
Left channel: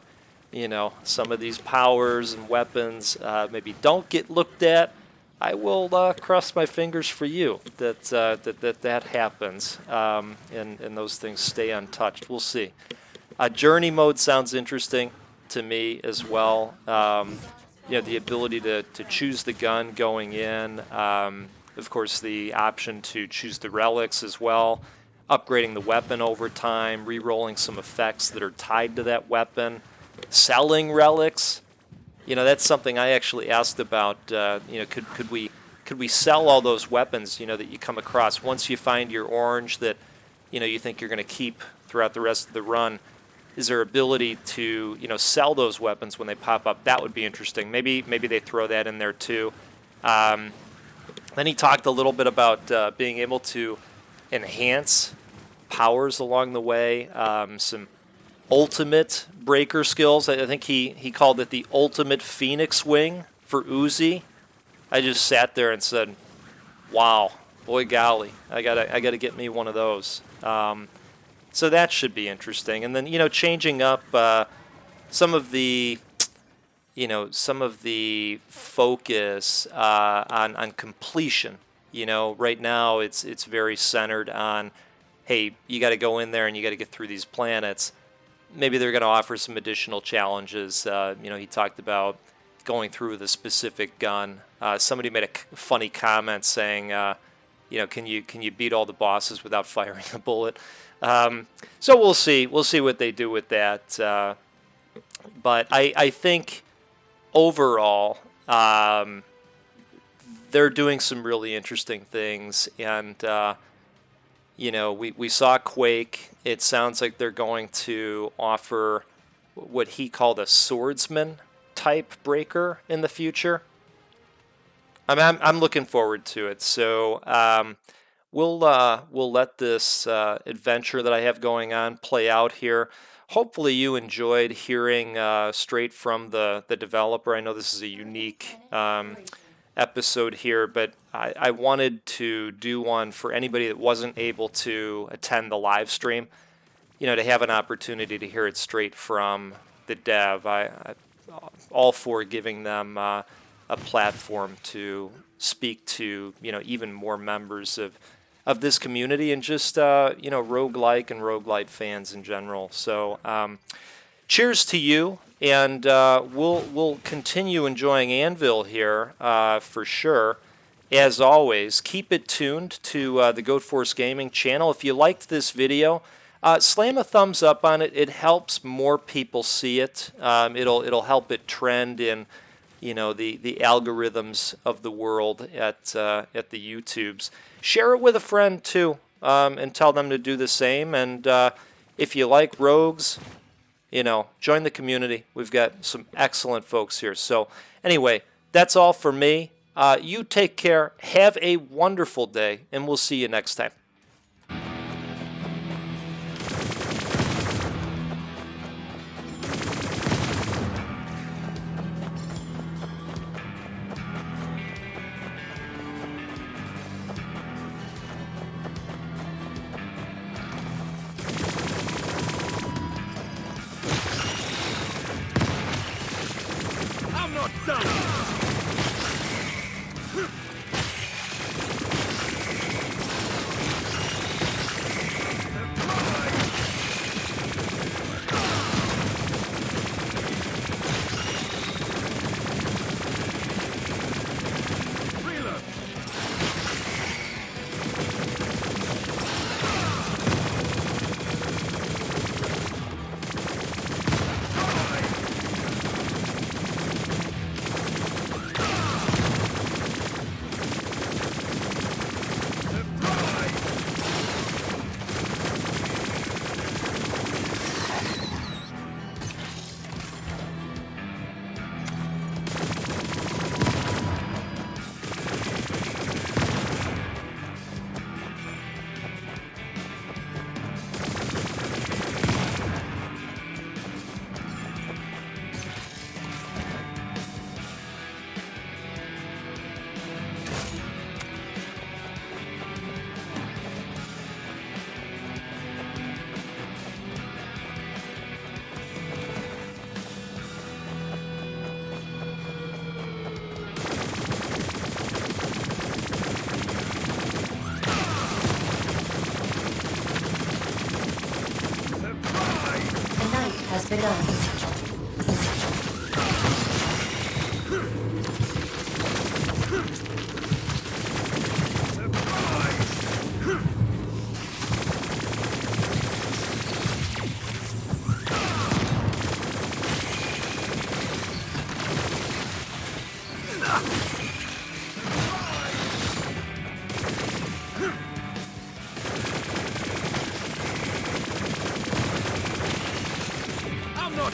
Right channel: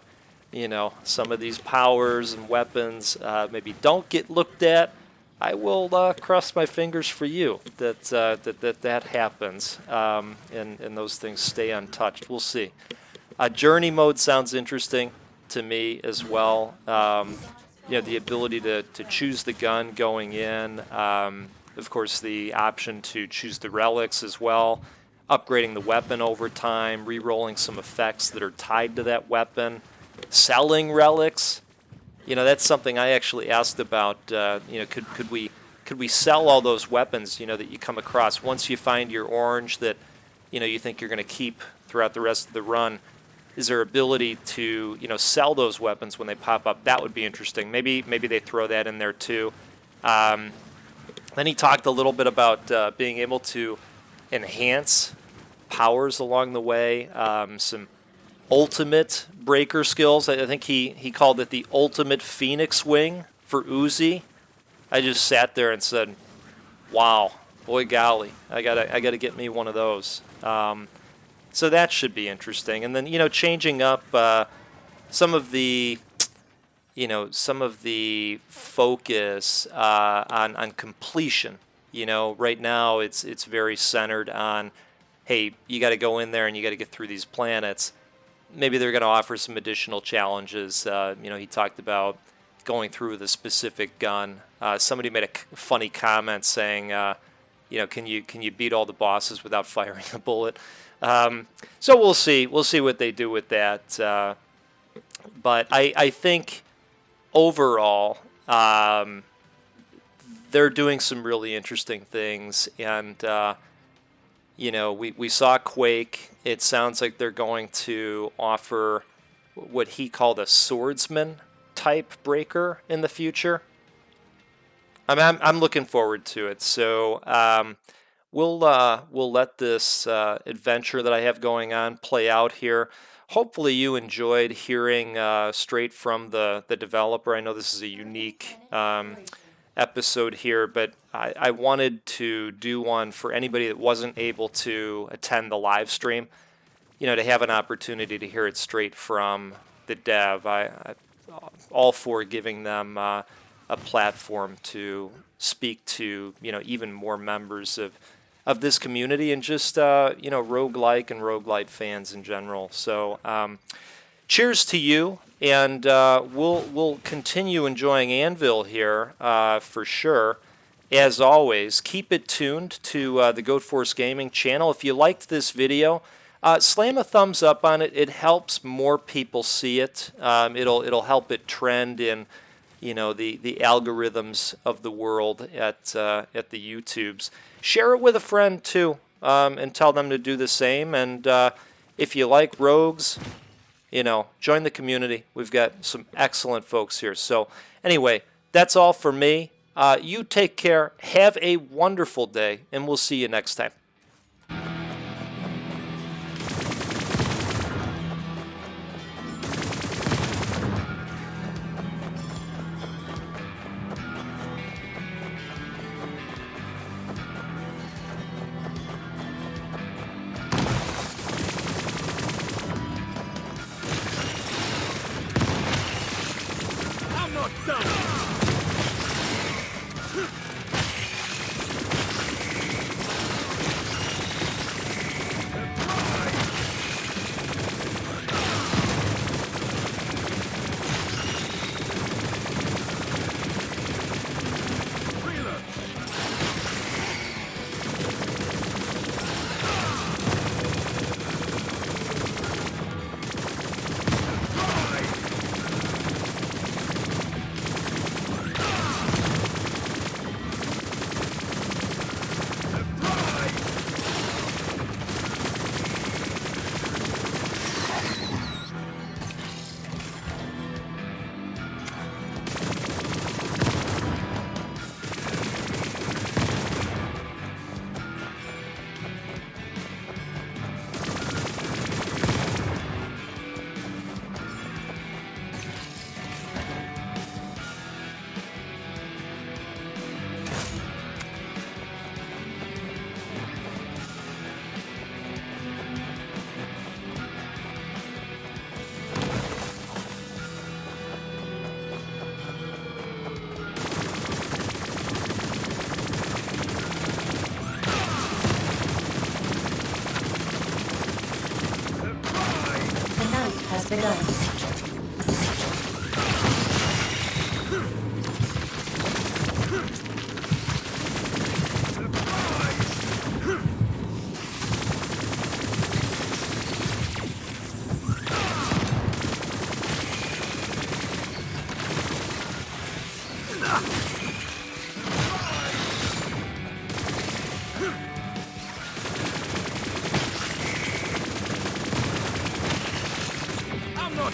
some of these powers and weapons maybe don't get looked at, I will cross my fingers for you that happens, and those things stay untouched. We'll see. Journey mode sounds interesting to me as well. The ability to choose the gun going in. Of course, the option to choose the relics as well. Upgrading the weapon over time, re-rolling some effects that are tied to that weapon. Selling relics. That's something I actually asked about. Could we sell all those weapons, that you come across once you find your orange that, you think you're going to keep throughout the rest of the run? Is there ability to, sell those weapons when they pop up? That would be interesting. Maybe they throw that in there too. Then he talked a little bit about being able to enhance powers along the way. Some ultimate breaker skills. I think he called it the ultimate phoenix wing for Uzi. I just sat there and said, wow, boy golly, I gotta get me one of those. So that should be interesting. And then, changing up some of the focus on completion. Right now it's very centered on, hey, you got to go in there and you got to get through these planets. Maybe they're going to offer some additional challenges. He talked about going through with a specific gun. Somebody made a funny comment saying, can you beat all the bosses without firing a bullet? So we'll see. We'll see what they do with that. But I think overall, they're doing some really interesting things. And, we saw Quake. It sounds like they're going to offer what he called a Swordsman type breaker in the future. I'm looking forward to it. So we'll let this adventure that I have going on play out here. Hopefully you enjoyed hearing straight from the developer. I know this is a unique episode here, but I wanted to do one for anybody that wasn't able to attend the live stream, to have an opportunity to hear it straight from the dev. I all for giving them a platform to speak to, even more members of this community and just, roguelike and roguelite fans in general. So cheers to you, and we'll continue enjoying Anvil here for sure. As always, keep it tuned to the Goat Force Gaming channel. If you liked this video, slam a thumbs up on it. It helps more people see it. It'll help it trend in, the algorithms of the world at the YouTubes. Share it with a friend too, and tell them to do the same. And if you like rogues, join the community. We've got some excellent folks here. So anyway, that's all for me. You take care. Have a wonderful day, and we'll see you next time. I'm not done! has begun. I'm not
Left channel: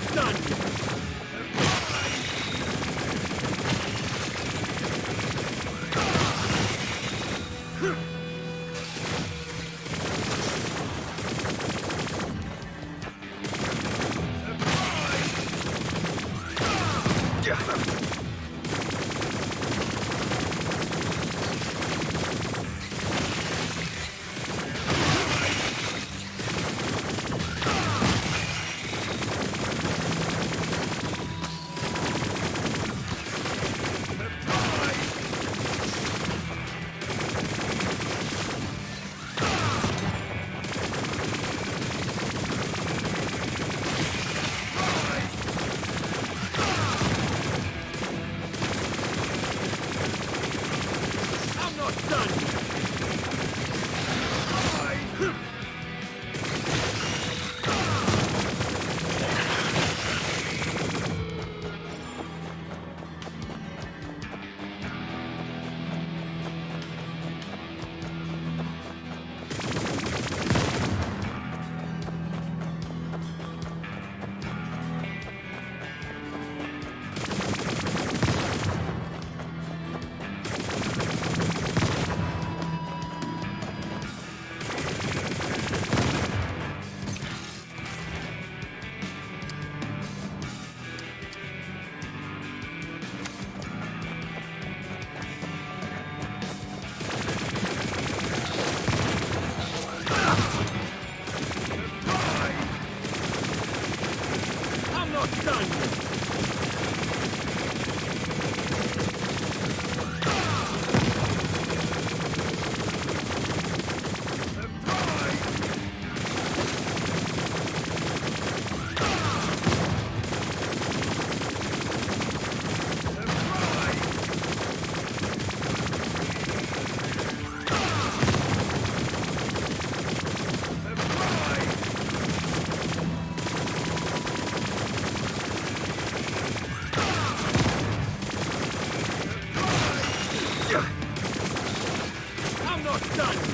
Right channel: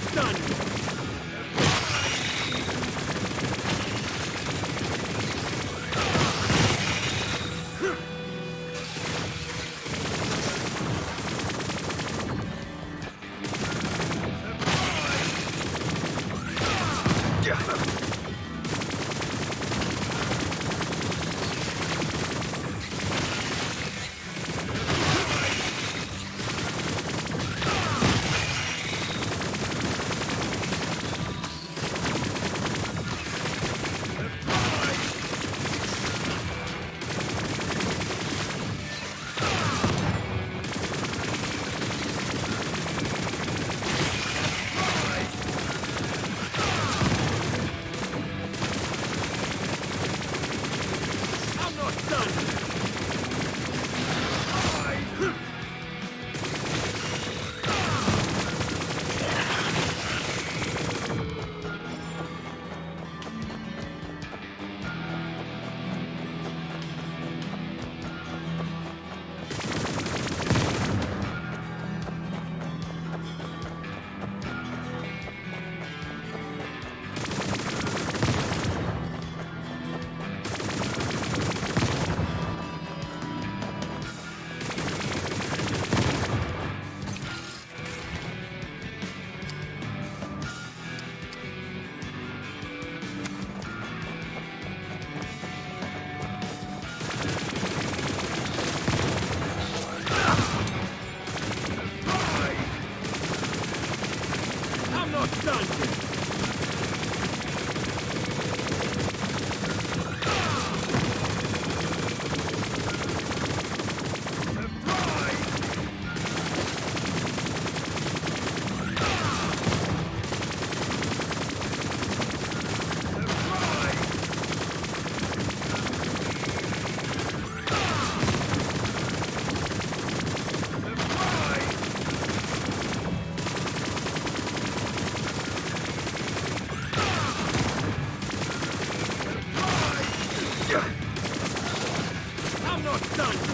done yet.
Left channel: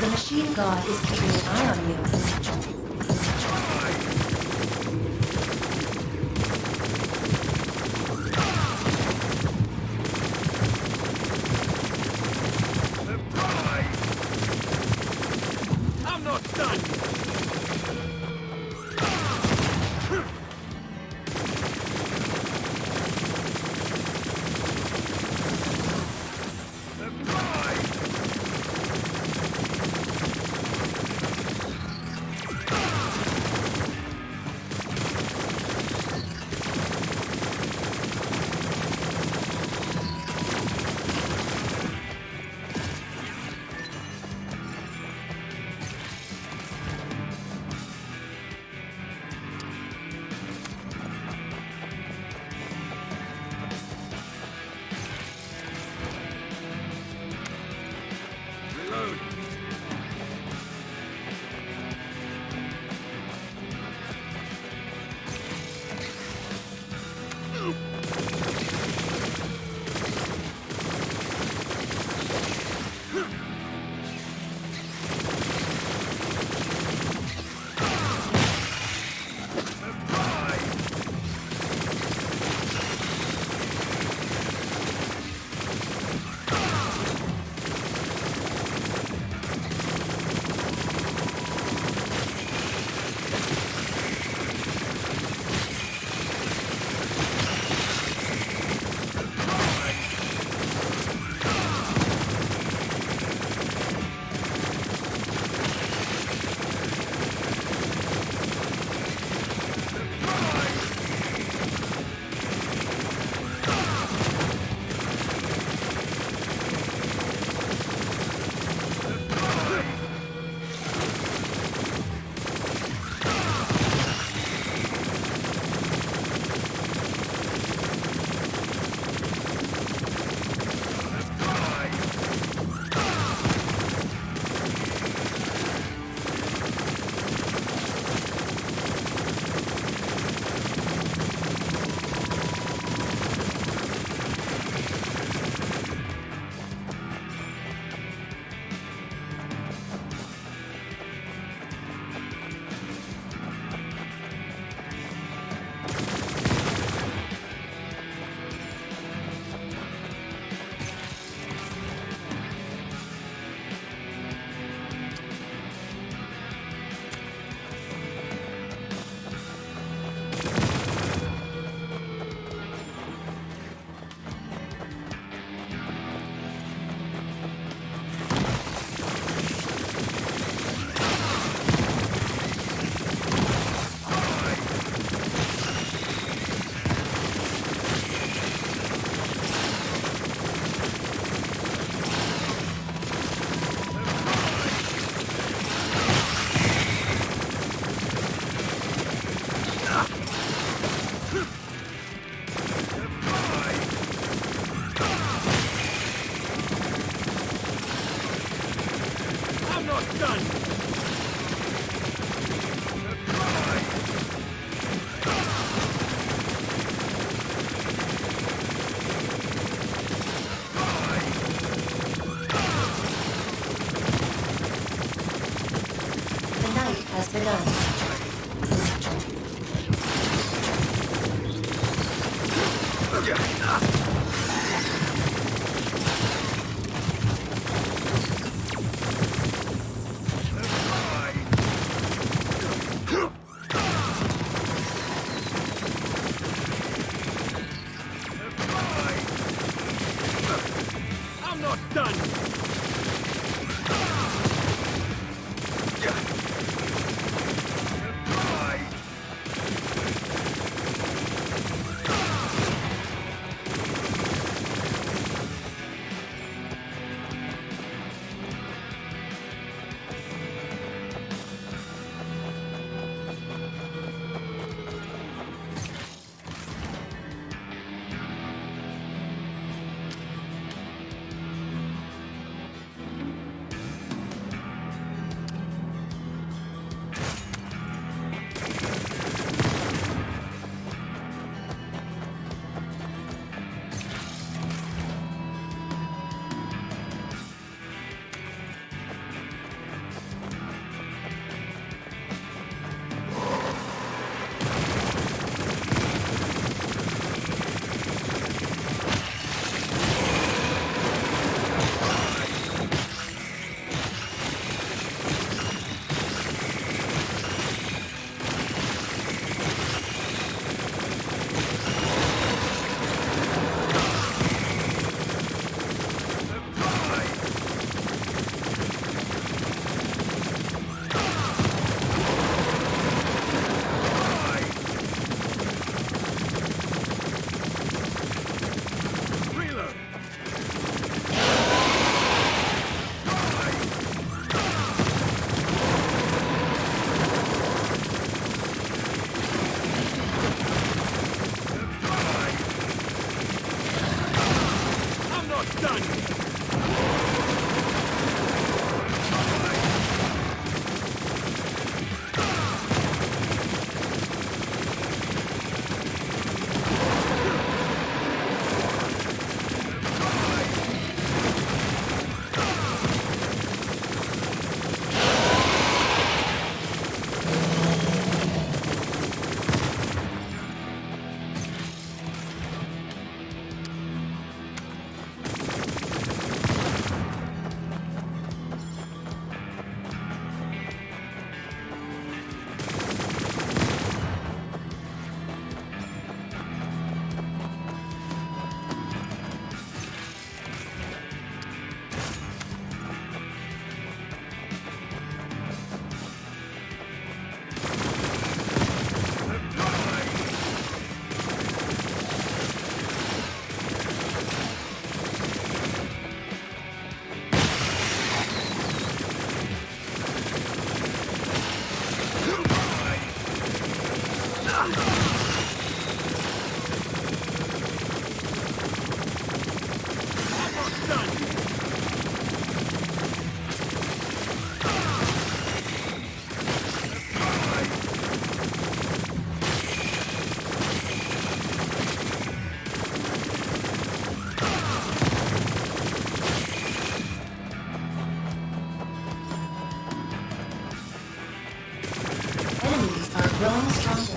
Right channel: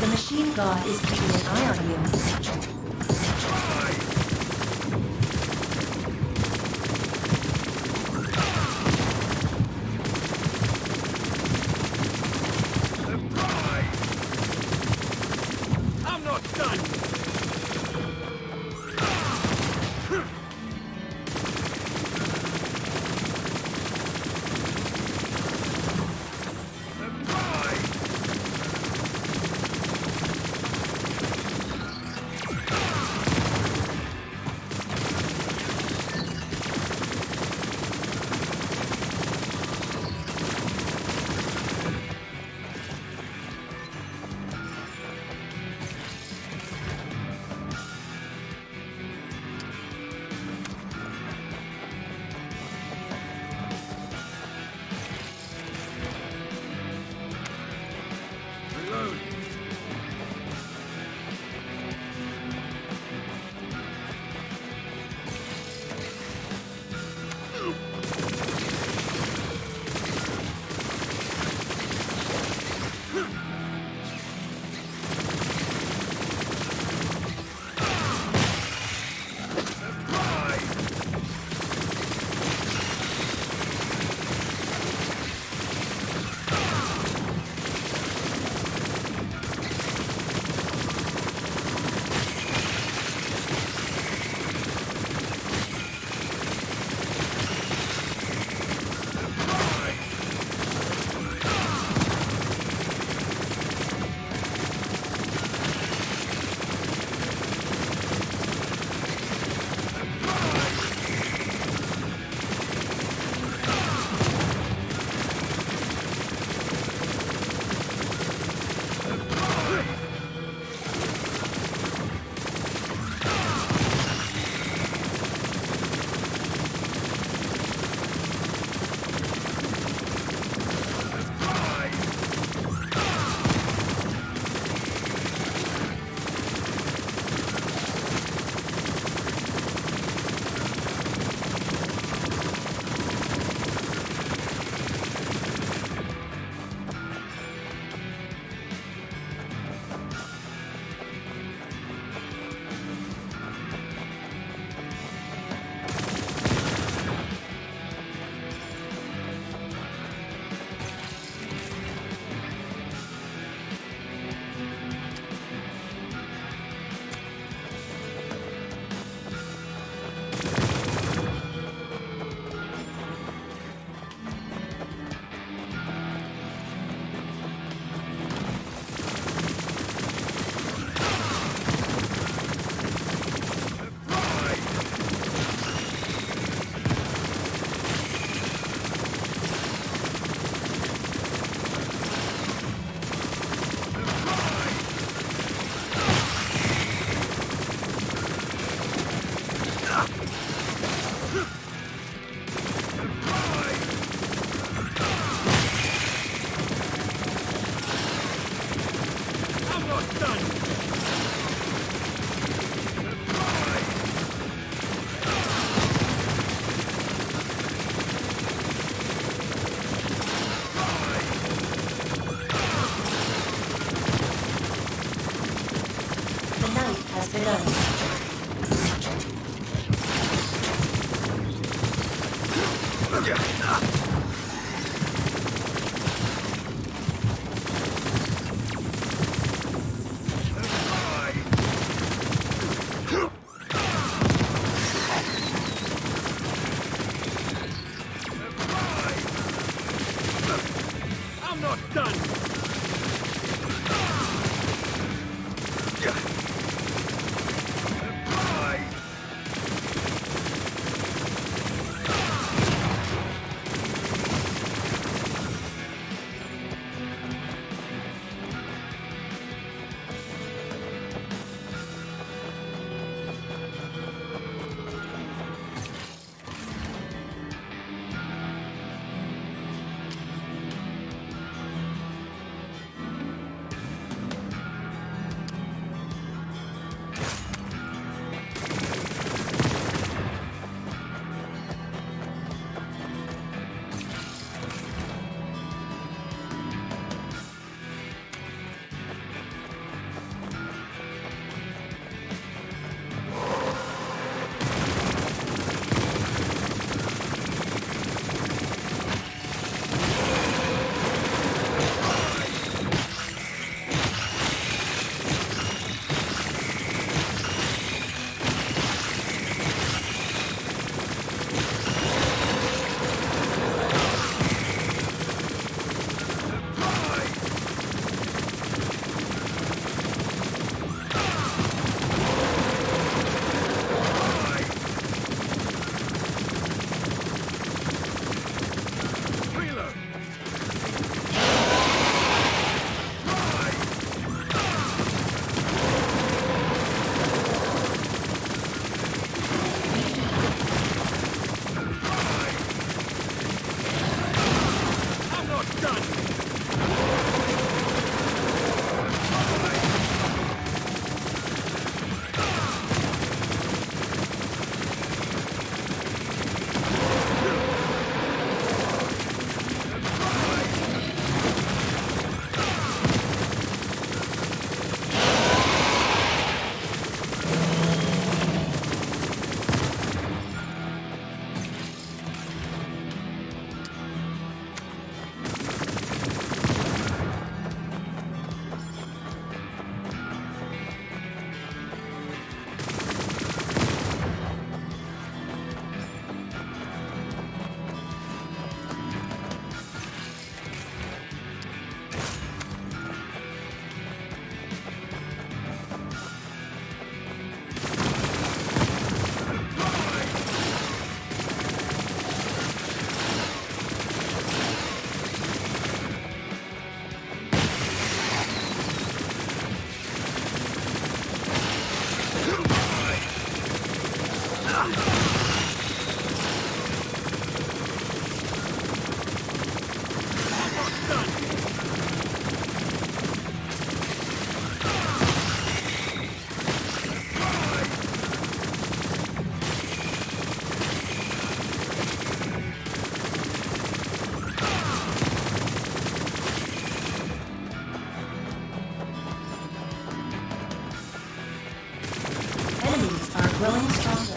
The machine god is keeping an eye on you. I'm not done yet. I'm not done. Surprise! The night has begun. I'm not done. Surprise! Enemies are growing stronger.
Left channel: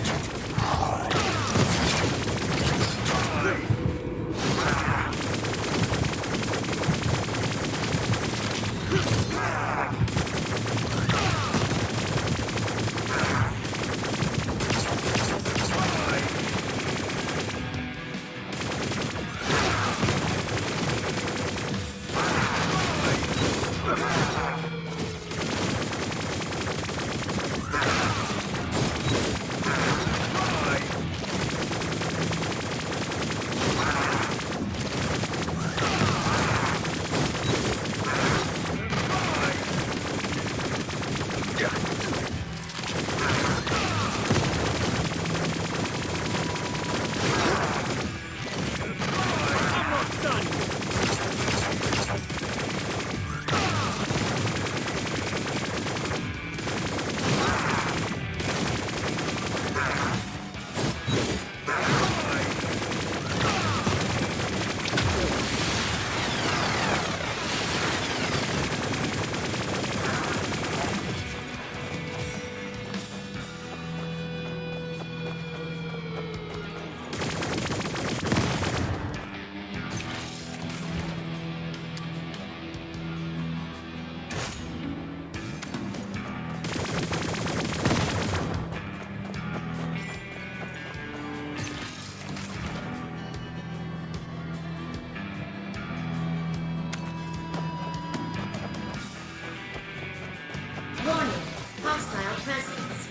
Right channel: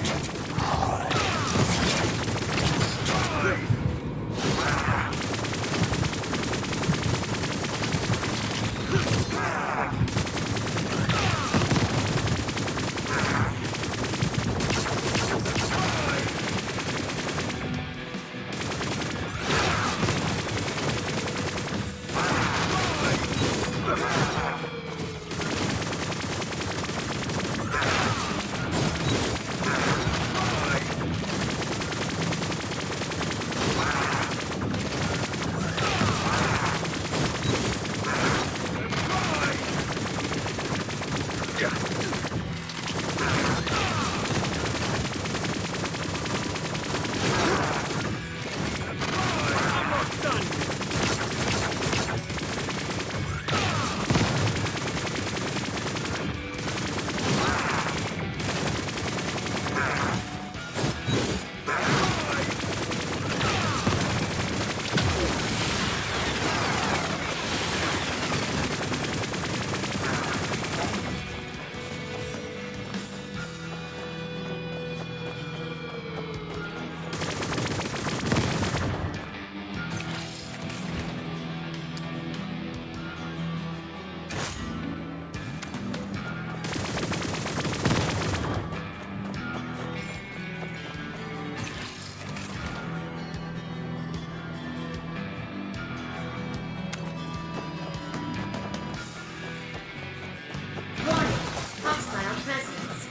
presence.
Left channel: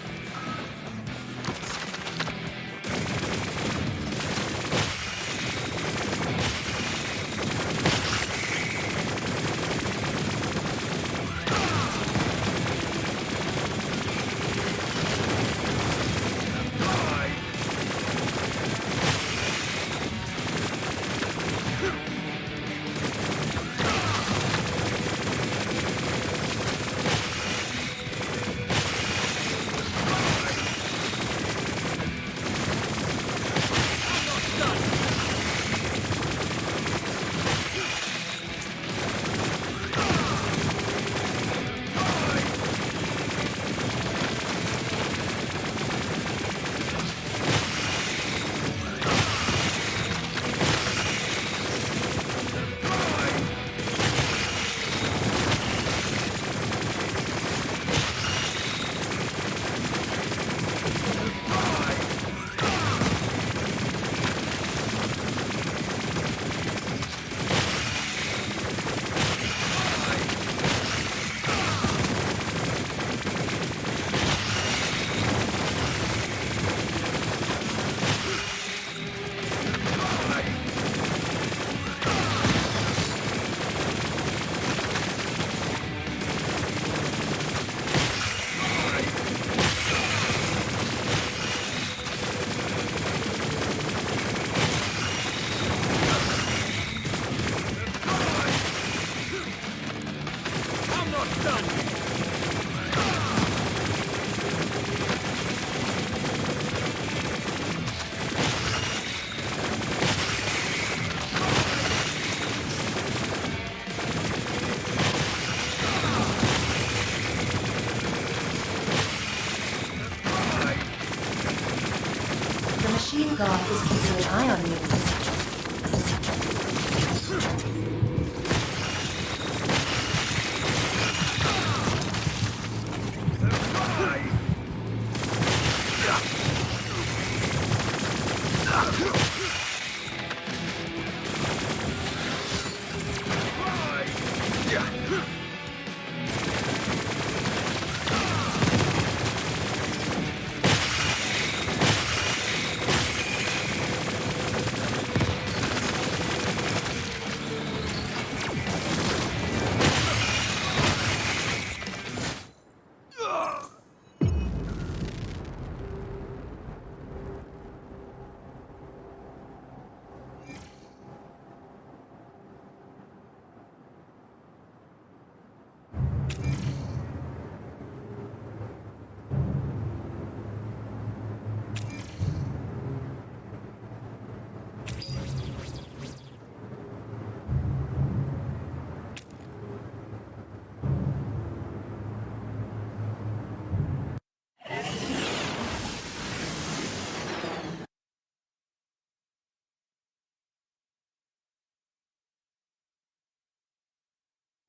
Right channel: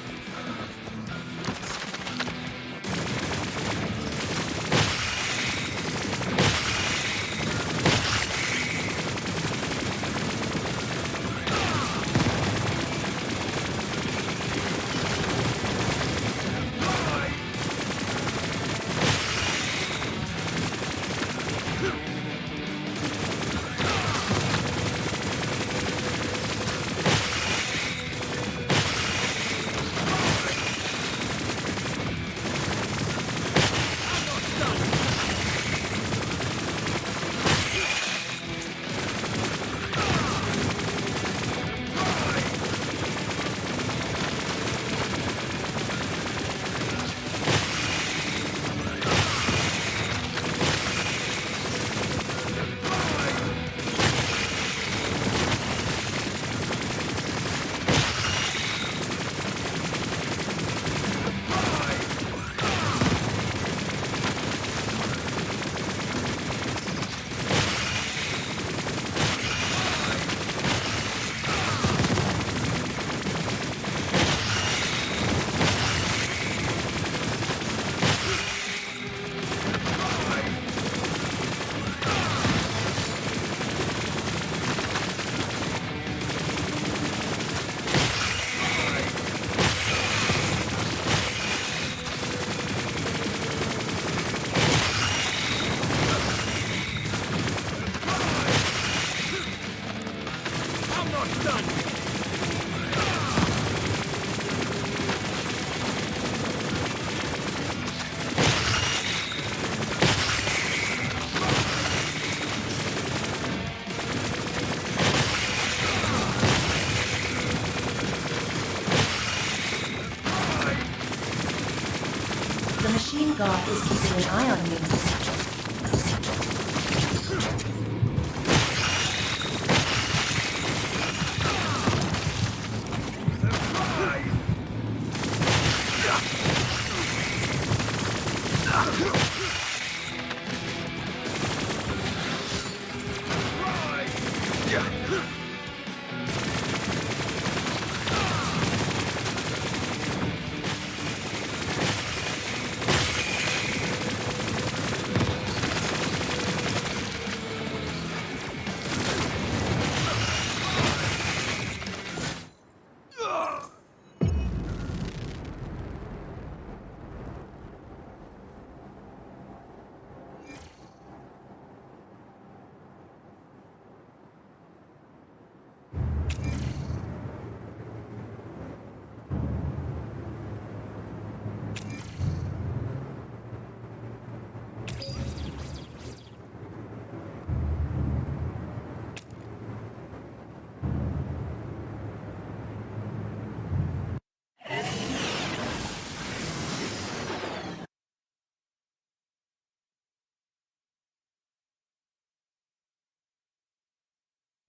The machine god is keeping an eye on you.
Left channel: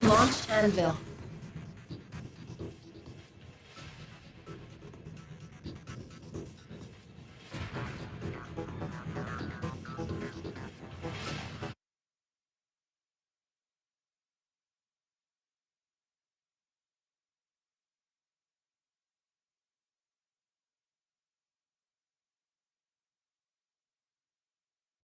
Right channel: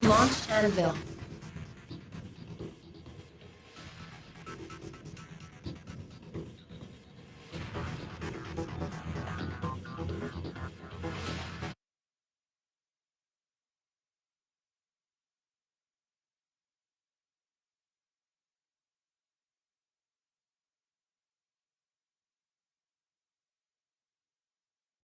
Launch Anvil.